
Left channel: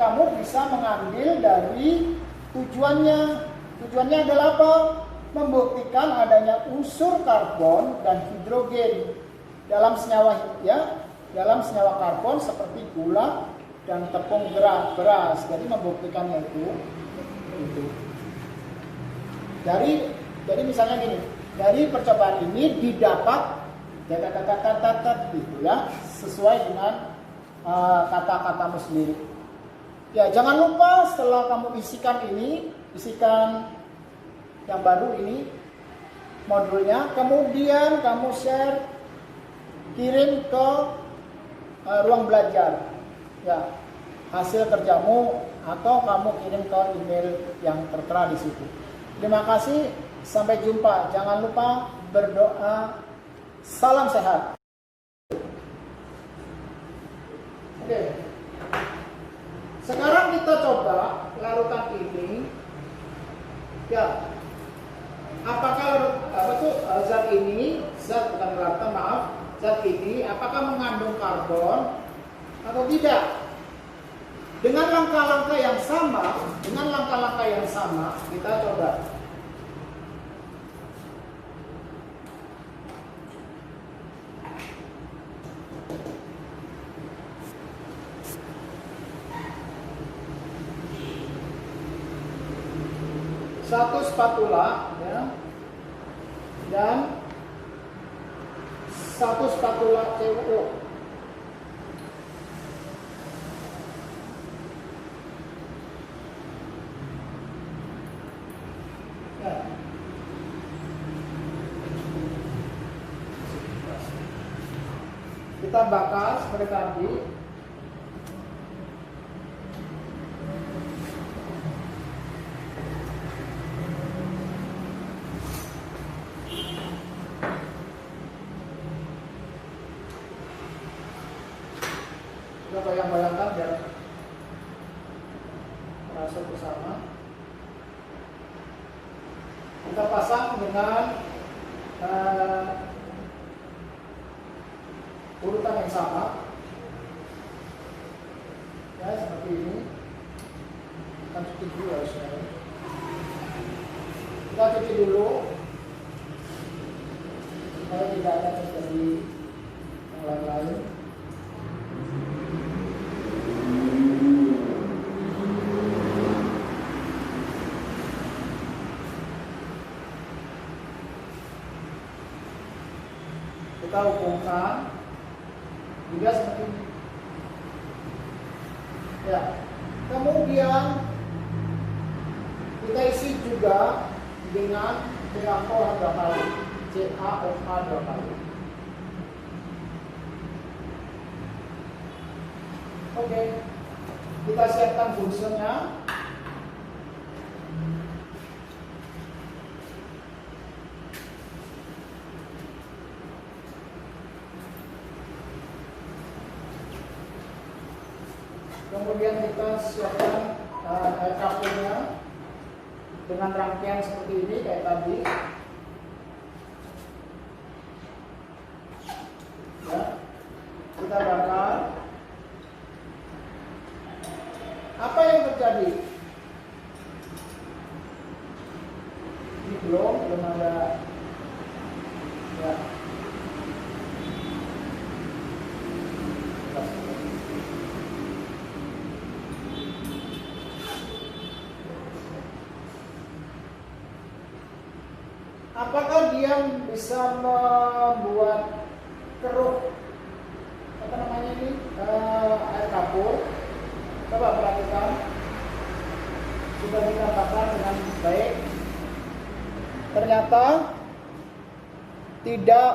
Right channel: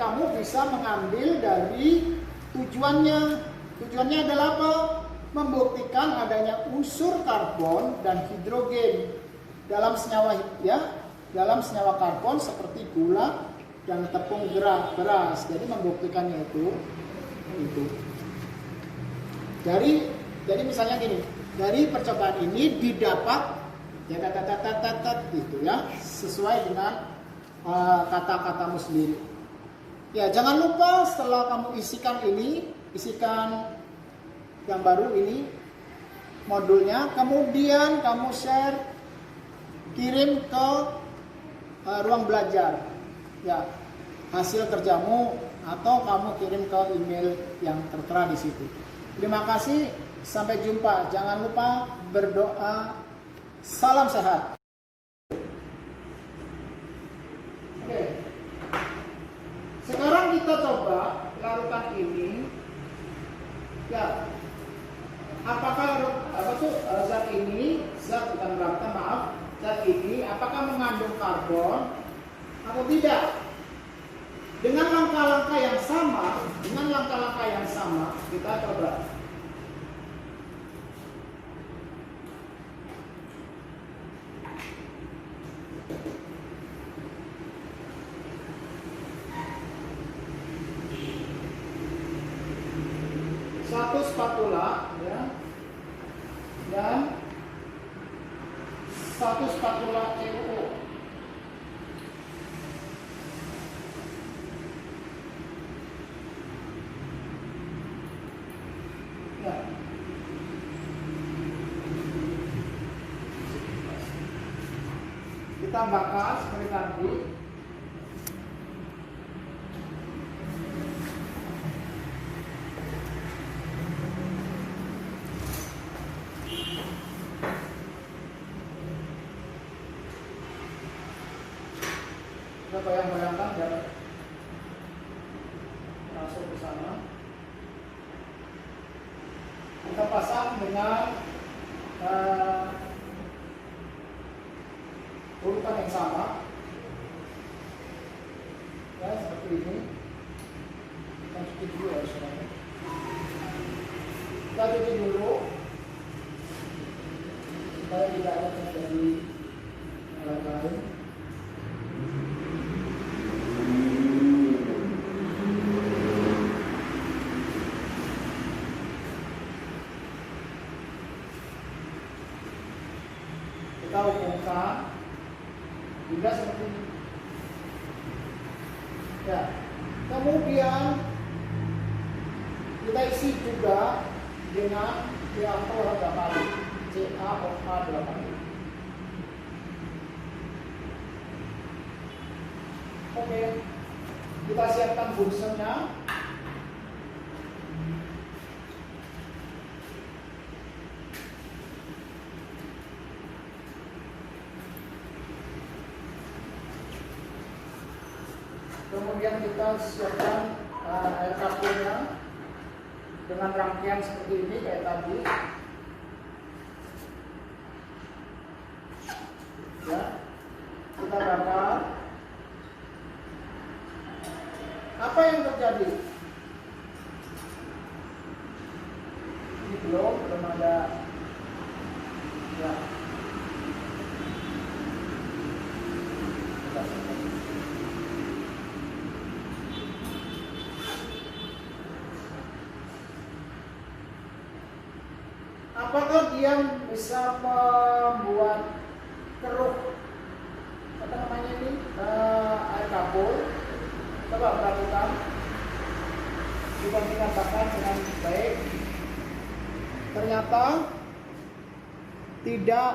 kamu bisa mengambil dari tujuannya. Tujuannya adalah apa? Membuktikan adanya unsur karbon dan hidrogen dalam senyawa karbon seperti gula dan tepung beras. Jadi membuktikannya itu. Jadi misalnya gini, dari percobaan ini didapat gitu ya, sesuai dengan kata-katamu sendiri. Ya, jangan lupa setelah kamu isikan yang baru ini modulnya, kemudian kamu share, kirim ke ruang belajar ya hasil kerjamu, atau kamu kirim ke email yang tertera di situ. Terima kasih, sampai jumpa. Jangan lupa berdoa. Salam sehat. Oke. Sekarang kita coba larutan ini. Ya. Apakah zat ini apakah mengandung karbon atau tidak? Dengan langkah-langkah yang sama, kita coba. Satu spatula ya, dan satu spatula CuO. Ya. Kita bakar seperti tadi. Bayangkan biar masuk ke sana. Kita pasang dengan urutan yang sama. Ya, seperti ini. Kita cuci dulu ya, saudara. Kita cuci dulu supaya tidak ada terjadi hal lain. Kita hubungkan hingga seperti ini. Ya, kemudian kita isi juga dengan CaOH 2 kali, CaOH 2 kali. Oke, kita siapkan bungsunya. Kemudian kita siapkan air kapurnya dengan rangkaian seperti ini kayak tadi. Ya, kita bakar. Apa yang terjadi? Ini belum ada. Ya. Apakah dia bisa membuat keruh apa namanya ini air kapur? Coba perhatikan, sudah dikatakan dengan baik. Ternyata tidak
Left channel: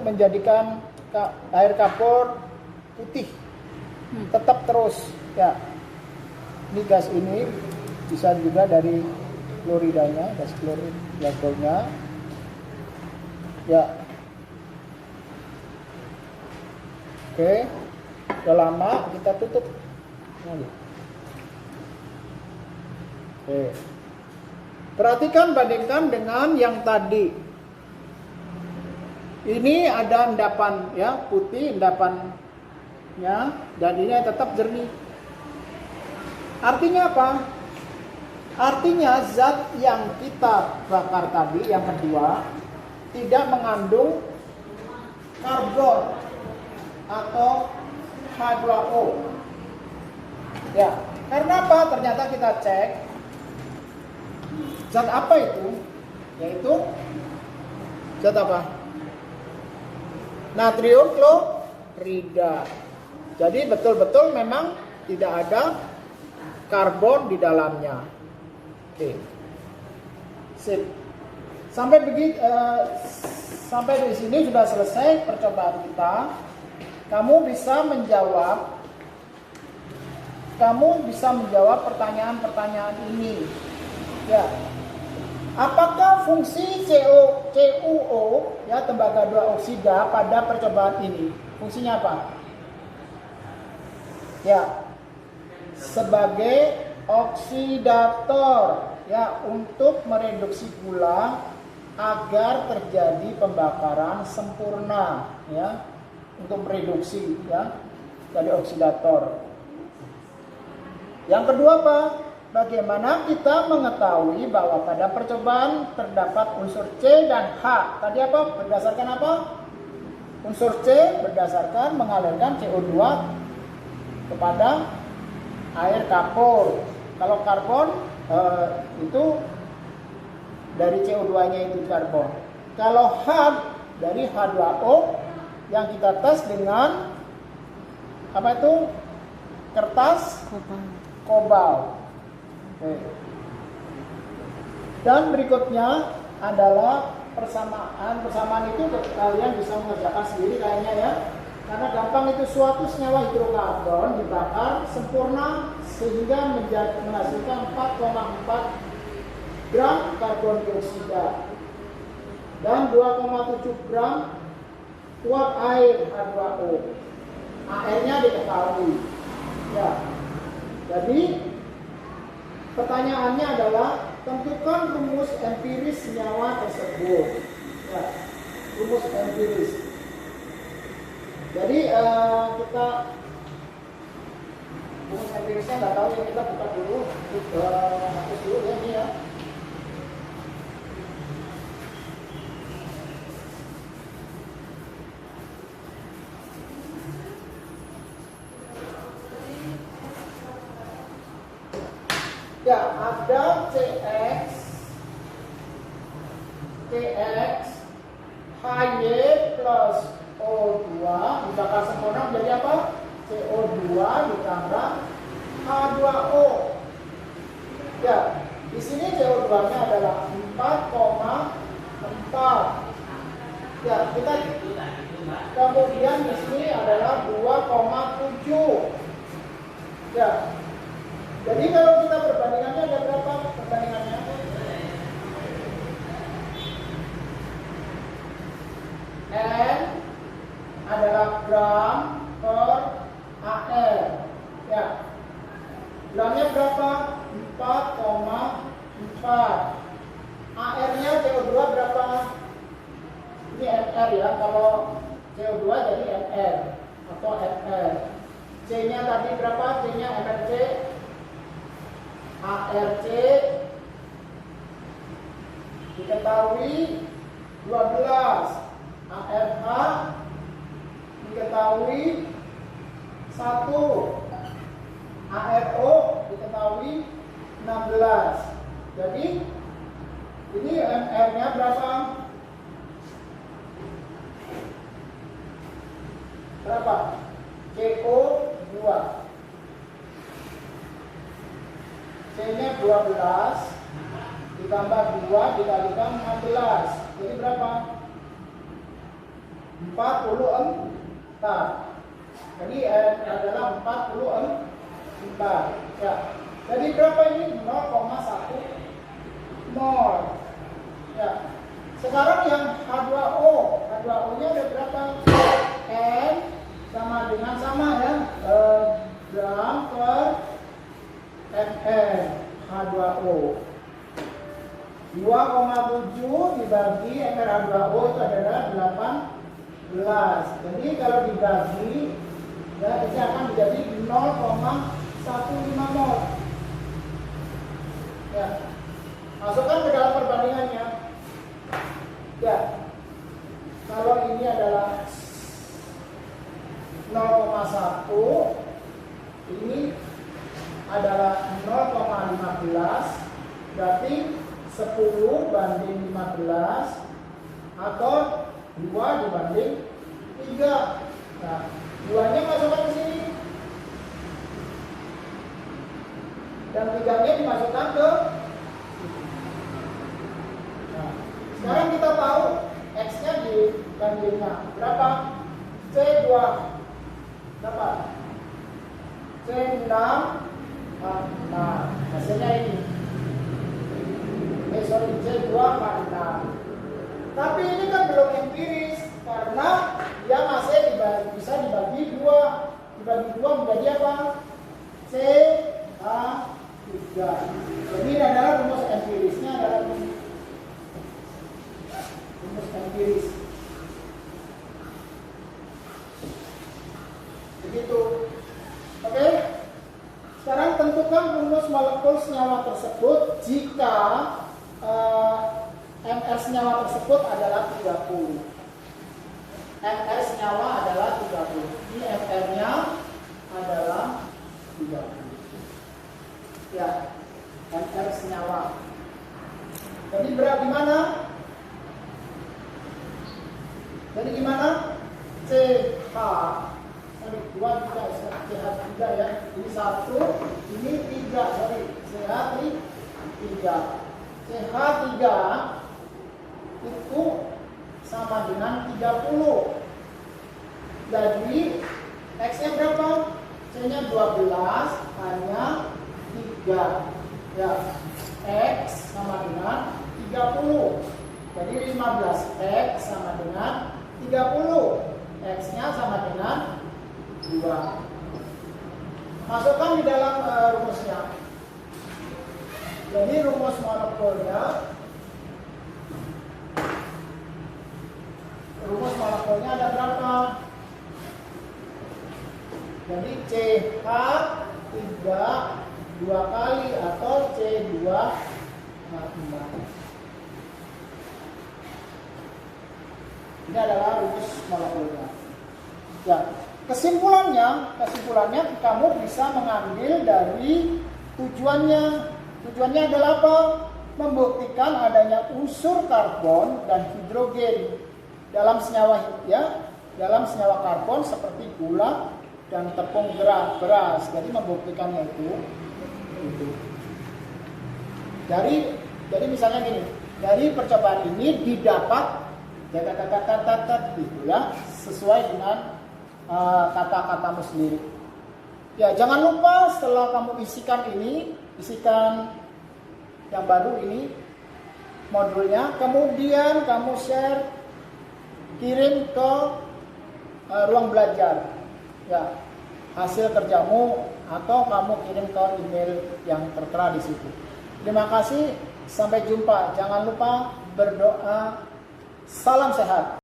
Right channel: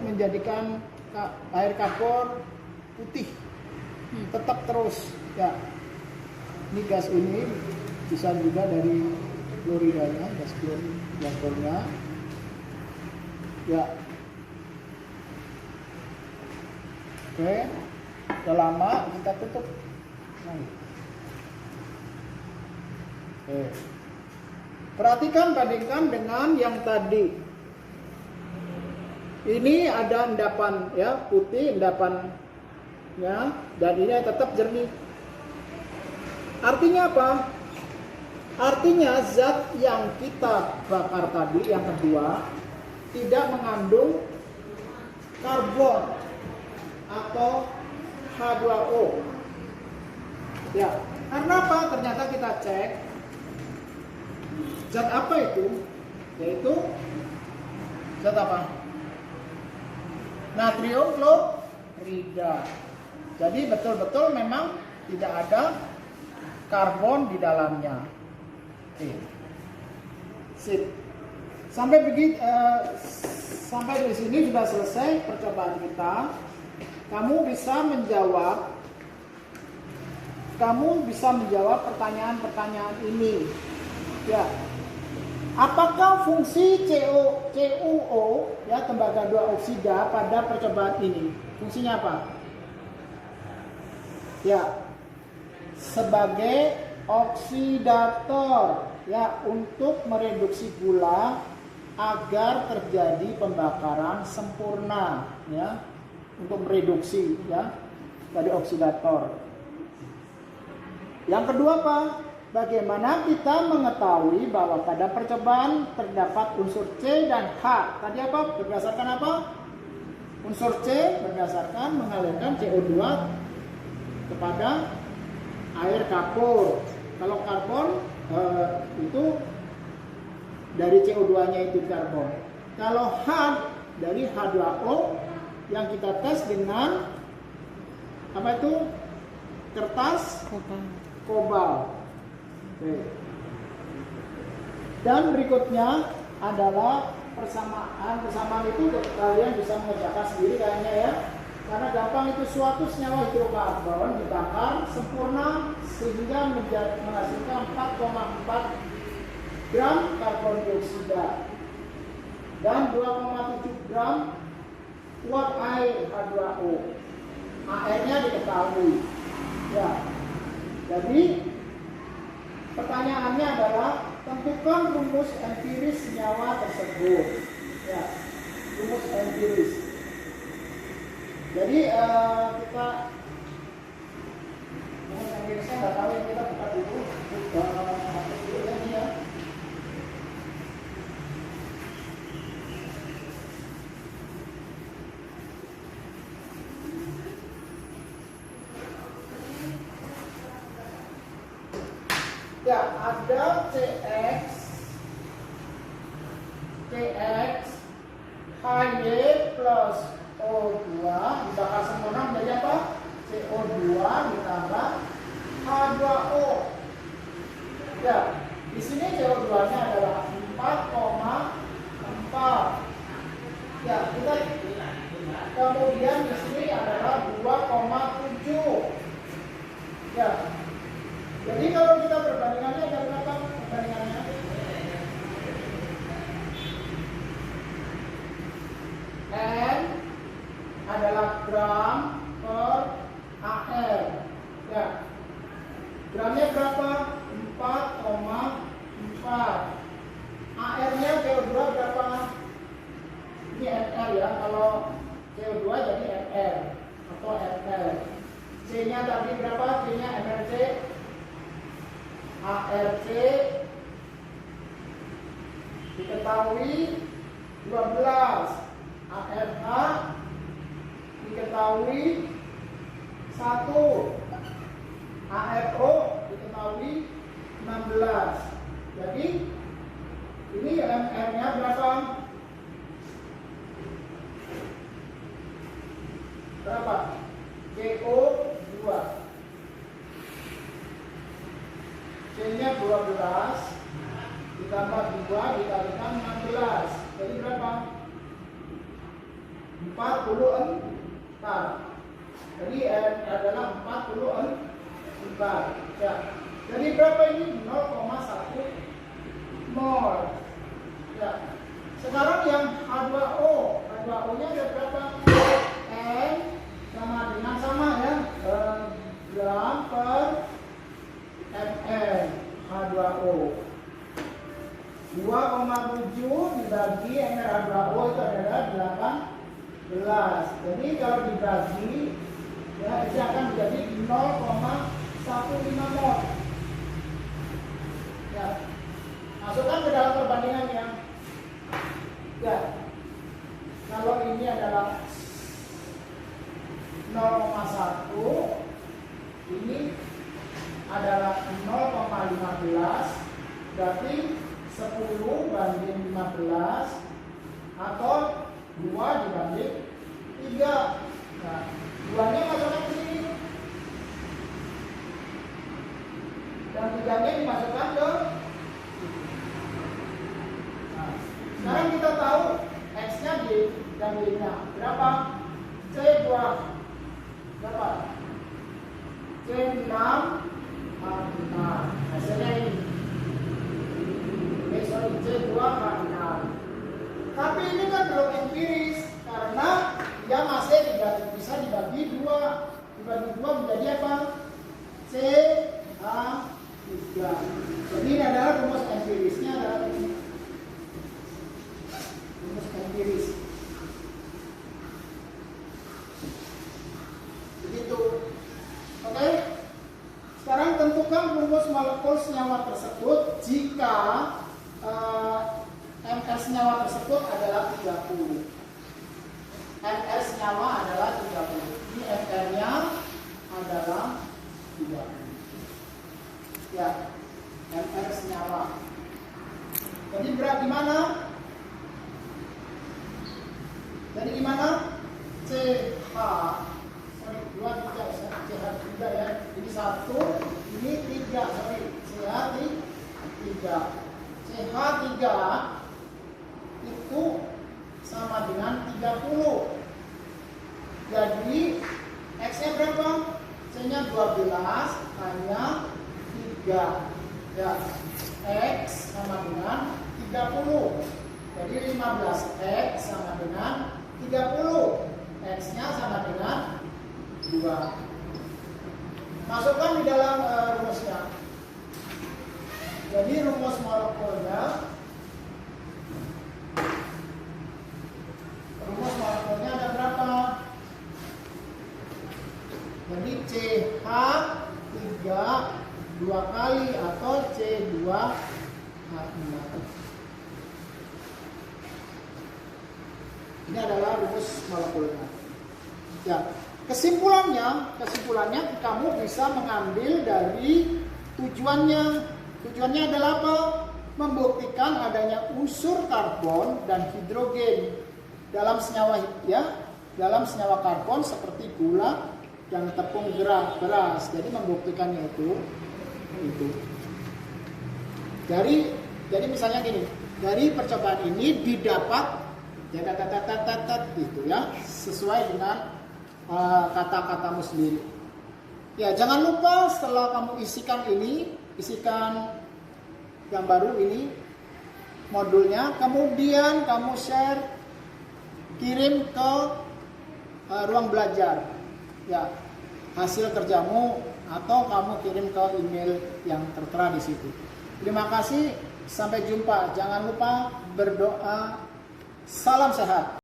menjadikan air kapur putih, tetap terus. Ya, ini gas ini bisa juga dari kloridanya, gas klornya. Ya, oke. Udah lama kita tutup. Oke. Perhatikan, bandingkan dengan yang tadi. Ini ada endapan ya, putih endapan ya, dan ini tetap jernih. Artinya apa? Artinya zat yang kita bakar tadi yang kedua tidak mengandung karbon atau H2O. Ya, karena apa? Ternyata kita cek zat apa itu? Yaitu zat apa? Natrium klorida. Jadi betul-betul memang tidak ada karbon di dalamnya. Oke. Sip. Sampai di sini sudah selesai percobaan kita. Kamu bisa menjawab pertanyaan-pertanyaan ini. Ya. Apakah fungsi CuO ya, tembaga 2 oksida pada percobaan ini? Fungsinya apa? Ya. Sebagai oksidator ya, untuk mereduksi gula agar terjadi pembakaran sempurna ya, untuk mereduksi ya, dari oksidator. Yang kedua apa? Bagaimana kita mengetahui bahwa pada percobaan terdapat unsur C dan H? Tadi apa? Berdasarkan apa? Unsur C berdasarkan mengalirkan CO2 kepada air kapur. Kalau karbon itu dari CO2-nya itu karbon. Kalau H dari H2O yang kita tes dengan apa itu? Kertas kobalt. Dan berikutnya adalah persamaan itu kalian bisa mengerjakan sendiri kayaknya ya, karena gampang. Itu suatu senyawa hidrokarbon dibakar sempurna sehingga menghasilkan 4,4 gram karbon dioksida dan 2,7 gram uap air H2O. AR-nya diketahui ya. Jadi pertanyaannya adalah tentukan rumus empiris senyawa tersebut. Ya, rumus empiris. Jadi kita rumus empirisnya nggak tahu ya, kita buka dulu, hapus dulu ya ini ya. Ya, ada CX HY plus O2 dibakar sempurna menjadi apa? CO2 ditambah H2O. Ya, Di sini CO2-nya adalah 4,4. Ya, kita kemudian di sini adalah 2,7. Ya. Jadi kalau kita perbandingannya ada berapa perbandingannya? N adalah gram per AR. Ya. Gramnya berapa? 4,4. AR-nya CO2 berapa? Ini mR ya, kalau CO2 jadi mR atau mR. C-nya tadi berapa? C-nya mRC. ARC diketahui 12. ARH diketahui 1. ARO diketahui 16. Jadi ini mR-nya berapa? Berapa? CO2. C-nya 12 ditambah 2 dikalikan 16. Jadi berapa? 44. Jadi adalah 44. Ya. Jadi berapa ini? 0,1 mol. Ya. Sekarang yang H2O. H2O-nya ada berapa? N sama dengan sama ya. Gram per ml H2O. 2,7 dibagi ml H2O itu adalah 18. Jadi kalau dibagi ya itu akan menjadi 0,15 mol. Ya. Masukkan ke dalam perbandingannya. Ya. Kalau ini adalah 0,1, ini adalah 0,15, berarti 10 banding 15 atau 2 dibanding 3. Nah, 2-nya masukkan ke sini dan 3-nya dimasukkan ke sini. Nah, sekarang kita tahu X-nya dan Y-nya berapa? C2 berapa? C6 H6. Hasilnya ini. C2 H6. Tapi ini kan belum empiris karena dia masih bisa dibagi 2. Dibagi 2 menjadi apa? CH3. Jadi ini adalah rumus empirisnya adalah ini. Rumus empiris. Begitu. Oke. Sekarang tentukan rumus molekul senyawa tersebut jika MR senyawa tersebut adalah 30. MR senyawa adalah 30. Ini MR-nya adalah 30. Ya, MR senyawa. Jadi berat gimana? Jadi gimana? CH. Sorry, 2 tidak CH3 ya. Ini 1, ini 3. Sorry, CH3. CH3 itu sama dengan 30. Jadi X-nya berapa? C-nya 12, hanya 3. Ya, X sama dengan 30. Jadi 15X sama dengan 30. X-nya sama dengan 2. Masukkan di dalam rumusnya. Jadi rumus molekulnya ada berapa? Jadi CH3 2 kali atau C2H6. Ini adalah rumus molekulnya. Ya, kesimpulannya kamu bisa mengambil dari tujuannya. Tujuannya adalah apa? Membuktikan adanya unsur karbon dan hidrogen dalam senyawa karbon seperti gula dan tepung beras. Jadi membuktikannya itu. Jadi misalnya gini, dari percobaan ini didapat gitu ya, sesuai dengan kata-katamu sendiri. Ya, jangan lupa setelah kamu isikan yang baru ini modulnya, kemudian kamu share, kirim ke ruang belajar ya hasil kerjamu, atau kamu kirim ke email yang tertera di situ. Terima kasih, sampai jumpa. Jangan lupa berdoa. Salam sehat.